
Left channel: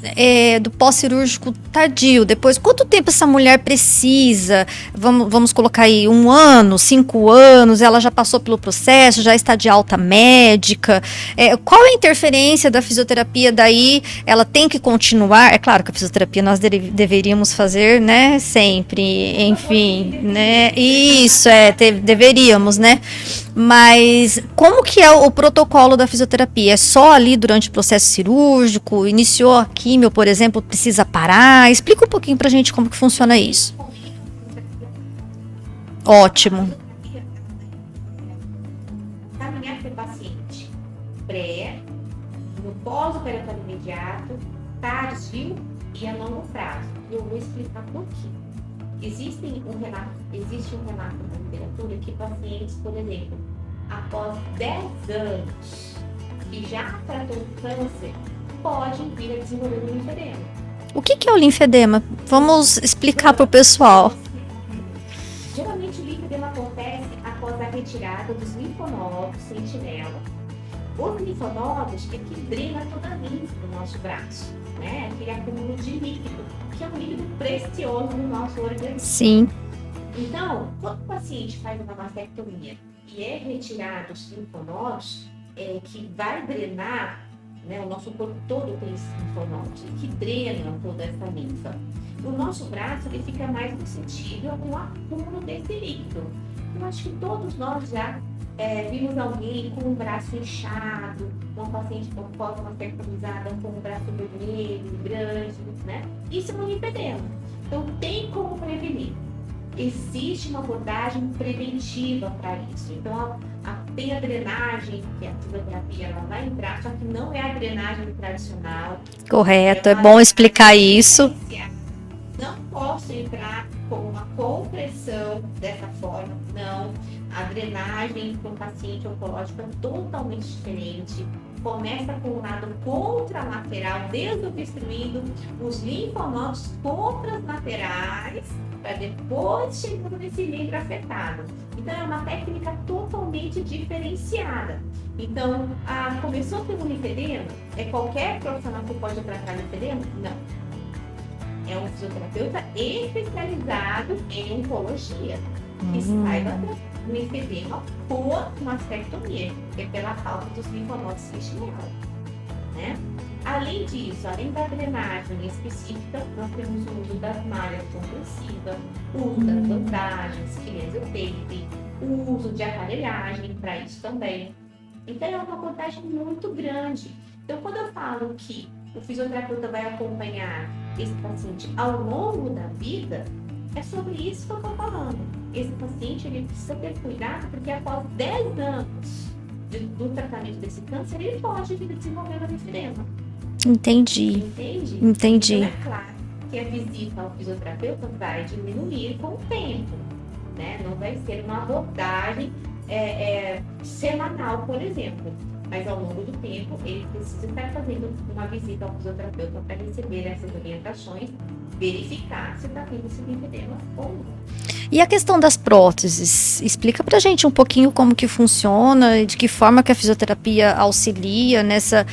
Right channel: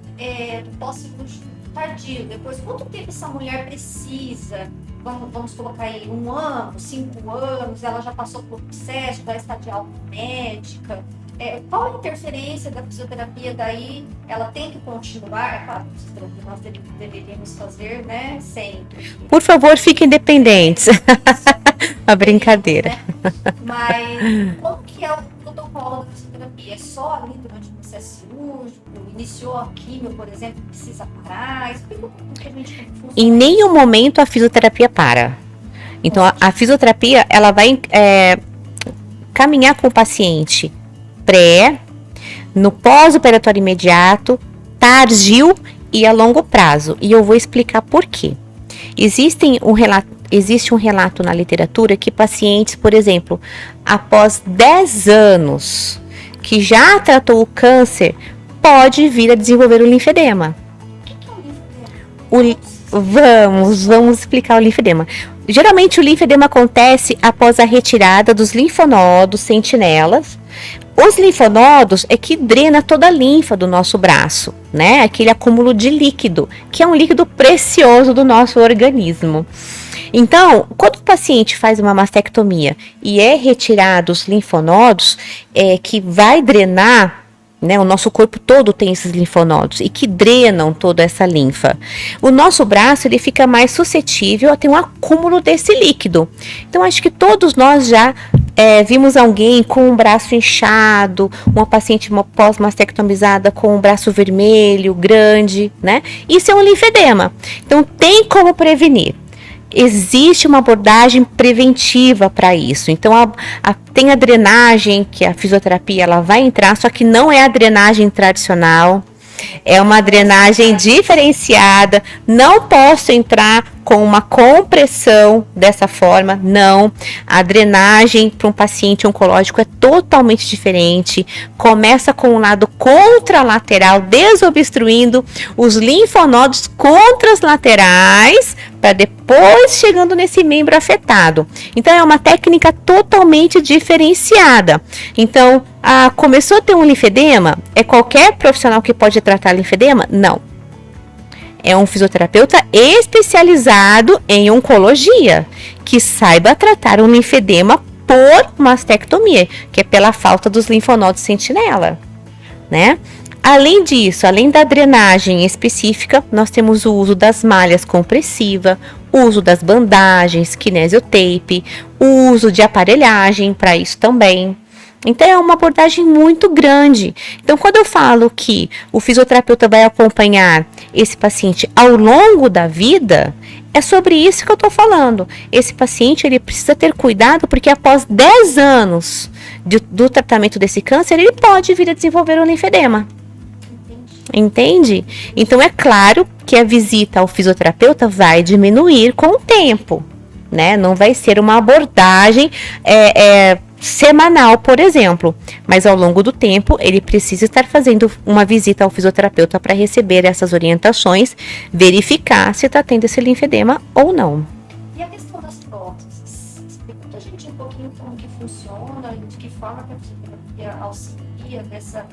do pós-cirúrgico tardio, depois, quanto tempo essa mulher precisa? Vamos colocar aí 1 ano, 5 anos, ela já passou pelo processo, já está de alta médica, qual é a interferência da fisioterapia daí? Ela tem que continuar? É claro que a fisioterapia nós deveríamos fazer, né, sempre. Por favor, fiquem independentes. Né? Isso, deveríamos, né? Mas como que é o protocolo da fisioterapia? É só ali durante o processo cirúrgico? Iniciou a químio, por exemplo, precisa parar? Explica um pouquinho pra gente como que funciona isso. Em nenhum momento a fisioterapia para. Então, a fisioterapia, ela vai caminhar com o paciente no pós-operatório imediato, tardio e a longo prazo. E eu vou explicar por quê. Existe um relato na literatura que pacientes, por exemplo, após 10 anos que já tratou o câncer, pode vir a desenvolver o linfedema. O que é o linfedema? Vamos explicar para o pessoal. Vamos explicar o linfedema. Geralmente o linfedema acontece após a retirada dos linfonodos sentinelas. Os linfonodos é que drena toda a linfa do nosso braço, né? Aquele acúmulo de líquido, que é um líquido precioso do nosso organismo. Sim. Então, quando o paciente faz uma mastectomia e é retirado os linfonodos, que vai drenar, né, o nosso corpo todo tem esses linfonodos e que drenam toda essa linfa. O nosso braço ele fica mais suscetível a ter um acúmulo desse líquido. Então, acho que todos nós já vimos alguém com um braço inchado, uma paciente pós-mastectomizada com um braço vermelho, grande, né? Isso é um linfedema. Então, tem como prevenir. Existe uma abordagem preventiva para isso. Então, tem a drenagem, que a fisioterapia ela vai entrar, só que não é a drenagem tradicional. Correto, é uma drenagem diferenciada. Não posso entrar com uma compressão dessa forma, não. A drenagem para um paciente oncológico é totalmente diferente. Começa com o lado contralateral, desobstruindo os linfonodos contralaterais, para depois chegando nesse membro afetado. Então, é uma técnica totalmente diferenciada. Então, começou a ter um linfedema? É qualquer profissional que pode tratar linfedema? Não. É um fisioterapeuta especializado em oncologia, que saiba tratar um linfedema por mastectomia, que é pela falta dos linfonodos sentinela, né? Além disso, além da drenagem específica, nós temos o uso das malhas compressivas, o uso das bandagens, kinesiotape, o uso de aparelhagem para isso também. Então, é uma abordagem muito grande. Então, quando eu falo que o fisioterapeuta vai acompanhar esse paciente ao longo da vida, é sobre isso que eu estou falando. Esse paciente, ele precisa ter cuidado, porque após 10 anos do tratamento desse câncer, ele pode vir a desenvolver um linfedema. Entendi. Entende? Entendi. Então, é claro que a visita ao fisioterapeuta vai diminuir com o tempo, né? Não vai ser uma abordagem semanal, por exemplo. Mas ao longo do tempo, ele precisa estar fazendo uma visita ao fisioterapeuta para receber essas orientações, verificar se está tendo esse linfedema ou não. E a questão das próteses, explica pra gente um pouquinho como que funciona e de que forma que a fisioterapia auxilia nessa,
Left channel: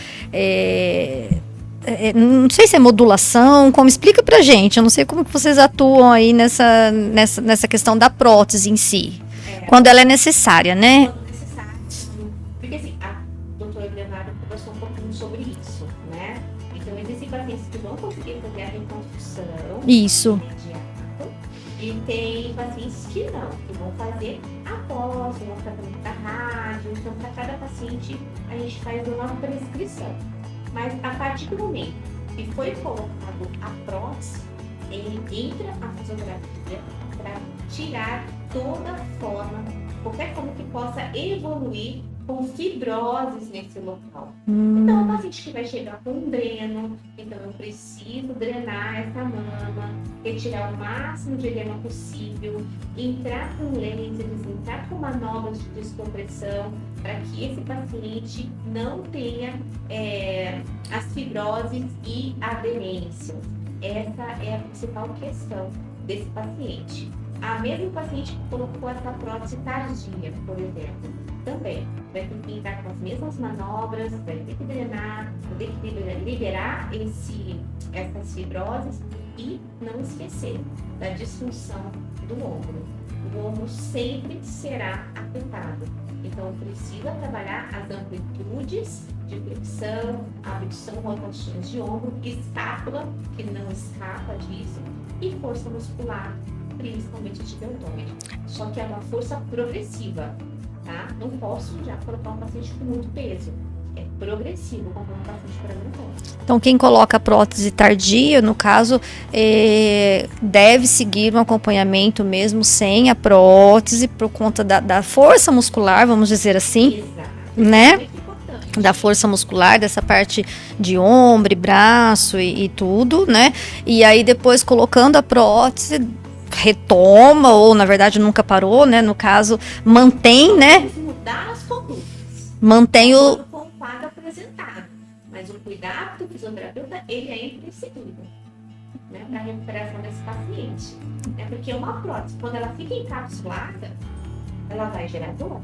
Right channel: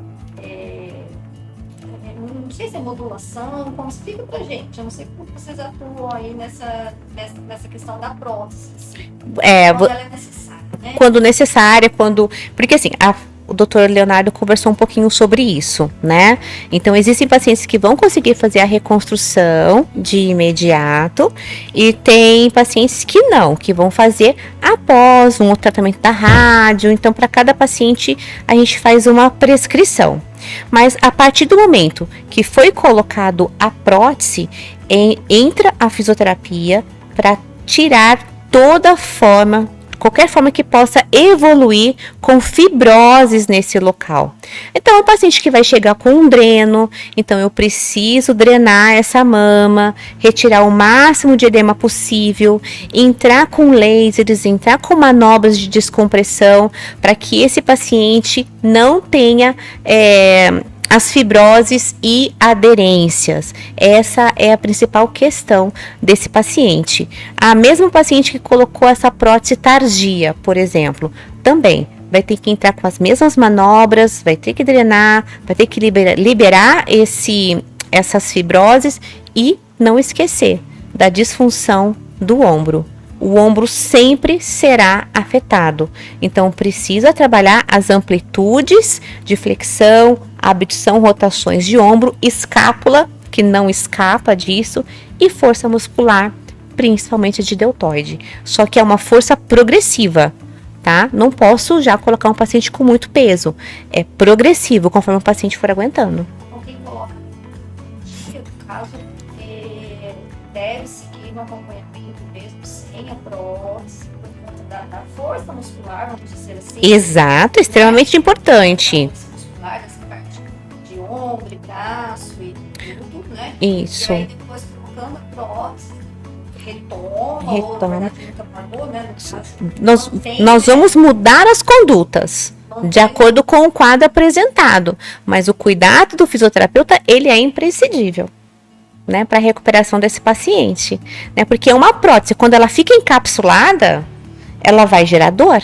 não sei se é modulação, como explica pra gente, eu não sei como que vocês atuam aí nessa questão da prótese em si, quando ela é necessária, né? Quando necessária, porque assim, o Dr. Leonardo conversou um pouquinho sobre isso, né? Então, existem pacientes que vão conseguir fazer a reconstrução de imediato e tem pacientes que não, que vão fazer após um tratamento da rádio. Então, para cada paciente, a gente faz uma prescrição. Mas, a partir do momento que foi colocado a prótese, entra a fisioterapia para tirar qualquer forma que possa evoluir com fibroses nesse local. Então, o paciente que vai chegar com um dreno, então eu preciso drenar essa mama, retirar o máximo de edema possível, entrar com lasers, entrar com manobras de descompressão, para que esse paciente não tenha as fibroses e aderências. Essa é a principal questão desse paciente. A mesma paciente que colocou essa prótese tardia, por exemplo, também vai ter que entrar com as mesmas manobras, vai ter que drenar, vai ter que liberar essas fibroses e não esquecer da disfunção do ombro. O ombro sempre será afetado. Então, precisa trabalhar as amplitudes de flexão, abdução, rotações de ombro, escápula, que não escapa disso, e força muscular, principalmente de deltoide. Só que é uma força progressiva, tá? Não posso já colocar um paciente com muito peso. É progressivo, conforme o paciente for aguentando. Então, quem coloca a prótese tardia, no caso, deve seguir um acompanhamento mesmo sem a prótese, por conta da força muscular, vamos dizer assim. Exato, extremamente importante. Da força muscular, dessa parte de ombro, braço e tudo, né? Isso. E aí, depois, colocando a prótese, retoma, ou na verdade nunca parou, né? No caso, mantém, nós vamos mudar as condutas mantém de acordo com o quadro apresentado, mas o cuidado do fisioterapeuta, ele é imprescindível, né, para a recuperação desse paciente, né? Porque uma prótese, quando ela fica encapsulada, ela vai gerar dor,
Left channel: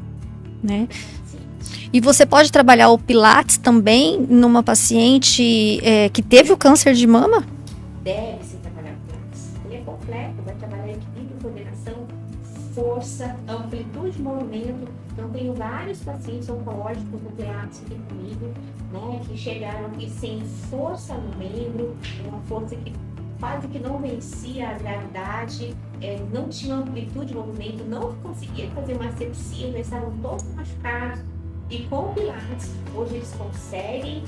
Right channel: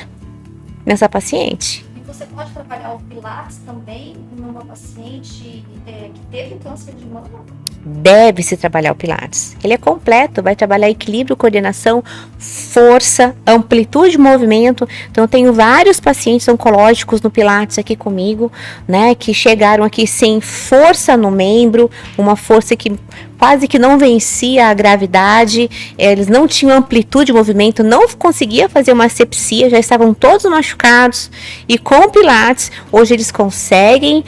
né, nessa paciente. E você pode trabalhar o Pilates também numa paciente que teve o câncer de mama? Deve-se trabalhar o Pilates. Ele é completo, vai trabalhar equilíbrio, coordenação, força, amplitude de movimento. Então, eu tenho vários pacientes oncológicos no Pilates aqui comigo, né, que chegaram aqui sem força no membro, uma força que quase que não vencia a gravidade, eles não tinham amplitude de movimento, não conseguia fazer uma asepsia, já estavam todos machucados, e com o Pilates, hoje eles conseguem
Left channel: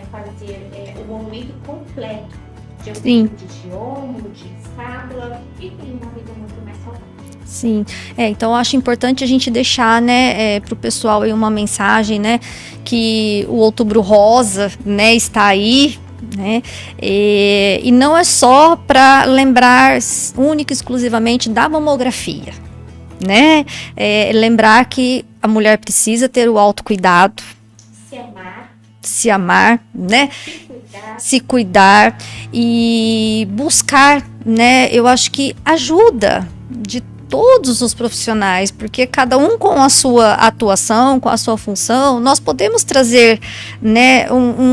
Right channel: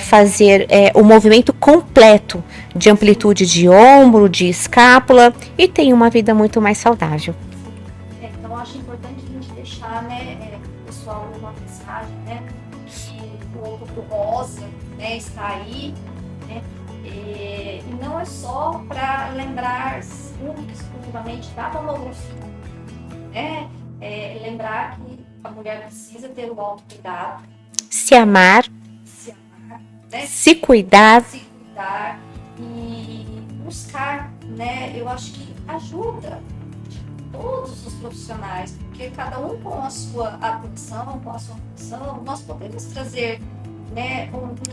fazer o movimento completo de amplitude de ombro, de escápula, e tem uma vida muito mais saudável. Sim, então eu acho importante a gente deixar, né, para o pessoal aí uma mensagem, né, que o Outubro Rosa, né, está aí, né, e não é só para lembrar única e exclusivamente da mamografia, né, lembrar que a mulher precisa ter o autocuidado, se amar, né? Se cuidar E buscar, né? Eu acho que ajuda de todos os profissionais, porque cada um com a sua atuação, com a sua função, nós podemos trazer, né,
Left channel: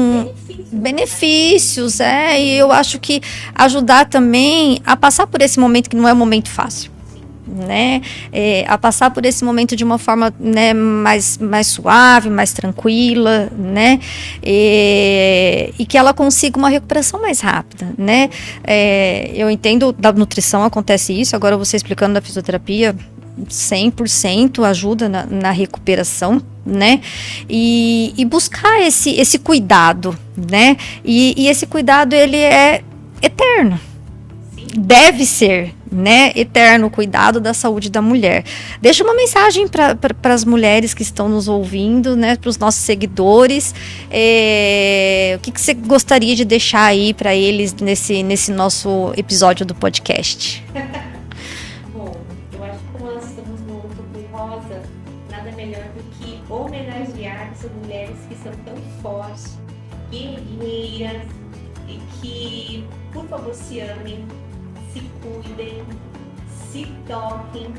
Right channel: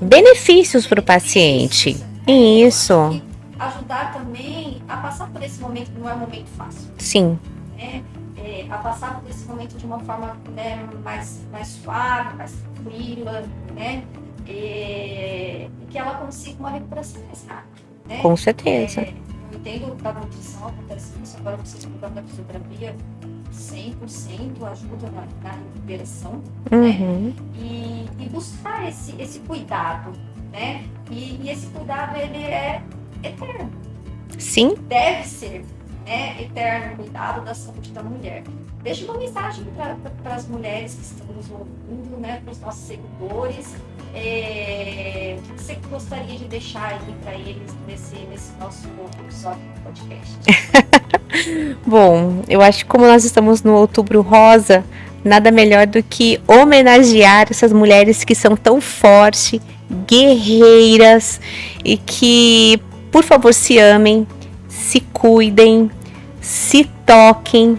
benefícios para o paciente. E eu acho que ajudar também a passar por esse momento que não é um momento fácil. Sim. Né? A passar por esse momento de uma forma, né, mais suave, mais tranquila, né? E que ela consiga uma recuperação mais rápida, né? Com certeza. Eu entendo, da nutrição acontece isso, agora você explicando da fisioterapia, 100% ajuda na recuperação, né? E buscar esse cuidado, né? E esse cuidado, ele é eterno. Sim. Deve ser, né, eterno, cuidado da saúde da mulher. Deixa uma mensagem para as mulheres que estão nos ouvindo, né, para os nossos seguidores. O que você gostaria de deixar aí para eles nesse nosso episódio do podcast? Bom, eu acho que como nós estamos no Outubro Rosa, nada melhor do que homenagear essas mulheres que são tão fortes, guerreiras e que, por favor, se amem, se cuidem, se toquem,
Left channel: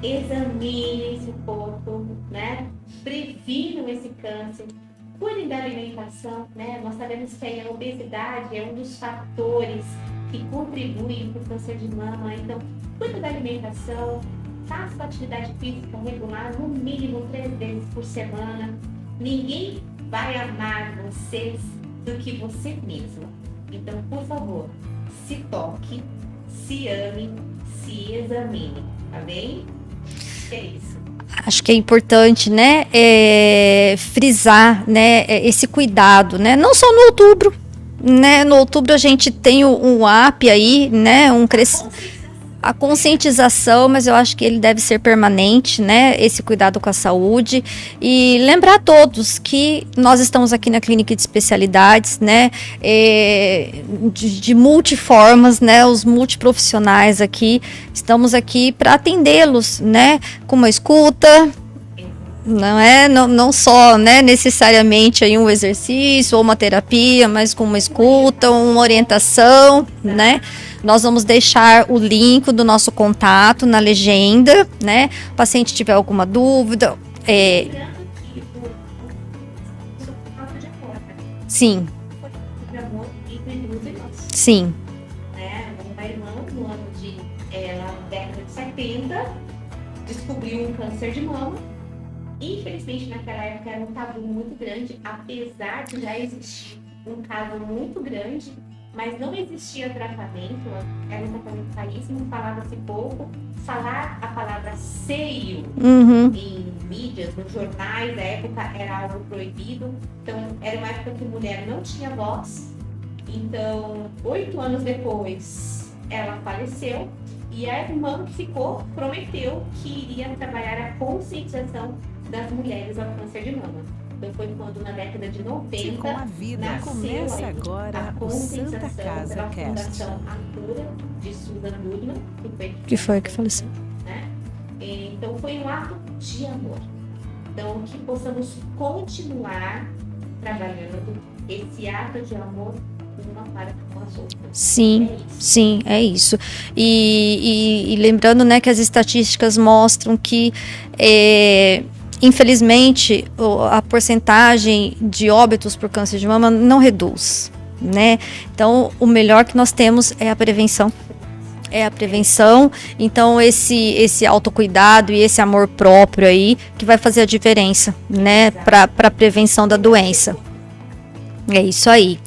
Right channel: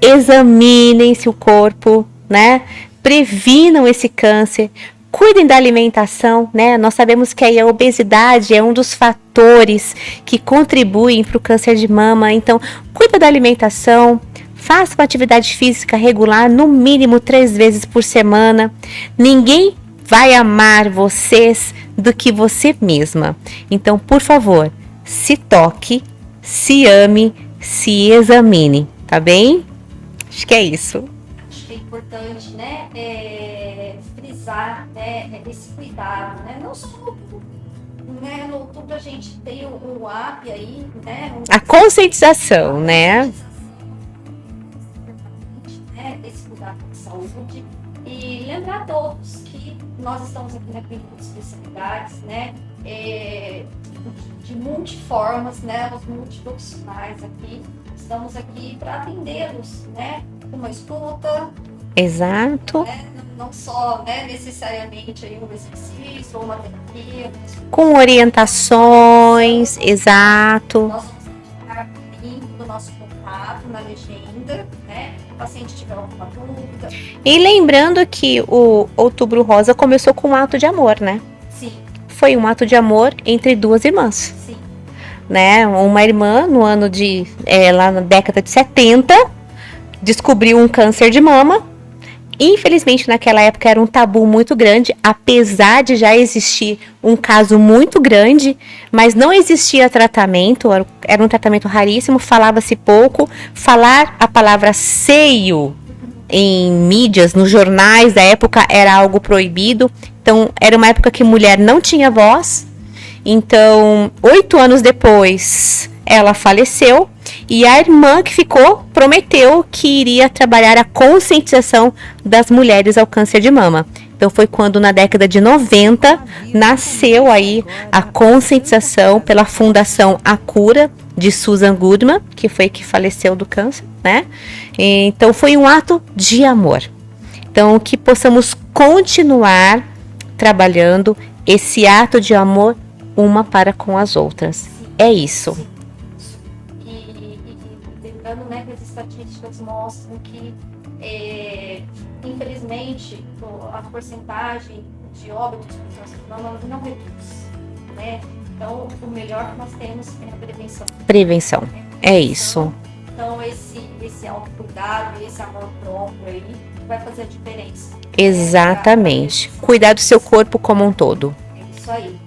examinem-se o corpo, né? Previnam esse câncer, cuidem da alimentação, né? Nós sabemos que aí a obesidade é um dos fatores que contribuem para o câncer de mama, então cuida da alimentação, faça uma atividade física regular, no mínimo 3 vezes por semana. Ninguém vai amar vocês do que você mesma. Então, por favor, se toque, se ame, se examine, tá bem? Acho que é isso. Acho que é importante, né, frisar, né, esse cuidado, né, não só no outubro, né, no outubro a gente tem um app aí, né, a conscientização, a conscientização, mas eu acho que ele deve ser permanente, né, esse cuidado com a saúde, e lembrar a todos que nós estamos aqui na Clínica de Especialidades, né, de multiformas, né, os multiprofissionais aqui, estamos aqui para atendê-los, né, com uma escuta. Exato. Não só, né, necessariamente aí um exercício ou uma terapia, mas com uma escuta, uma orientação. Exato. Né? Nós vamos deixar o link do nosso contato na legenda, né? O paciente tiver alguma dúvida. E lembrando que o Outubro Rosa começou com um ato de amor, né? Sim. Foi um ato de amor entre 2 irmãs. Sim. Né? Uma irmã, no ano de... lá na década de 70, descobriu um câncer de mama. Infelizmente, naquela época era um tabu muito grande, apesar de já existir um caso muito grande, mas não existia tratamento, era um tratamento raríssimo, falava-se pouco. Falar a palavra seio em mídias, nos jornais da época, era algo proibido. Então, era uma época que mulher não tinha voz. Então, 8 anos depois, ela faleceu. E a irmã que ficou prometeu que iria trabalhar a conscientização das mulheres ao câncer de mama. Então foi quando na década de 90 nasceu aí a conscientização pela Fundação A Cura de Susan Goodman, que foi que faleceu do câncer, né? Então foi um ato de amor. Então que possamos continuar trabalhando esse ato de amor uma para com as outras. Sim. É isso. Sim, é isso. E lembrando, né, que as estatísticas mostram que, infelizmente, a porcentagem de óbitos por câncer de mama não reduz, né? Então, o melhor que nós temos é a prevenção. Prevenção. É a prevenção. É isso. Então, esse autocuidado e esse amor próprio aí que vai fazer a diferença, né? Exatamente. Para a prevenção Cuidar da doença. do seu corpo como um todo. É isso aí.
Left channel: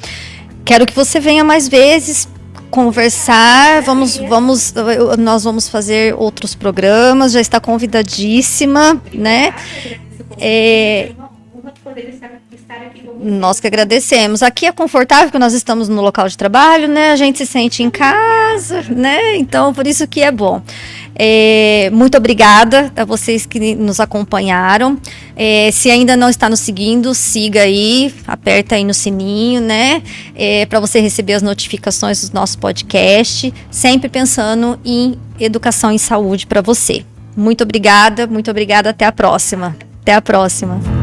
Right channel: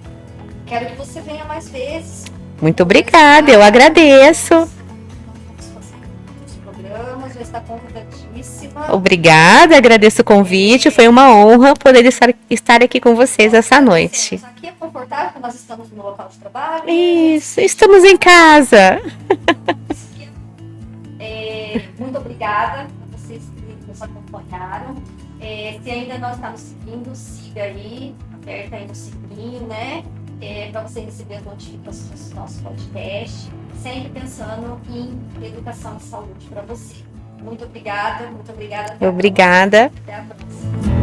Quero que você venha mais vezes. Muito obrigada, eu agradeço. Nós vamos fazer outros programas, já está convidadíssima. Obrigada, né? Agradeço o convite, foi uma honra poder estar aqui com vocês nós essa que agradecemos. noite. Aqui é confortável, porque nós estamos no local de trabalho, né? A gente se sente em casa, né? Então, por isso que é bom. Muito obrigada a vocês que nos acompanharam. Se ainda não está nos seguindo, siga aí, aperta aí no sininho, né? Para você receber as notificações do nosso podcast, sempre pensando em educação e saúde para você. Muito obrigada, até a próxima. Obrigada. Até a próxima.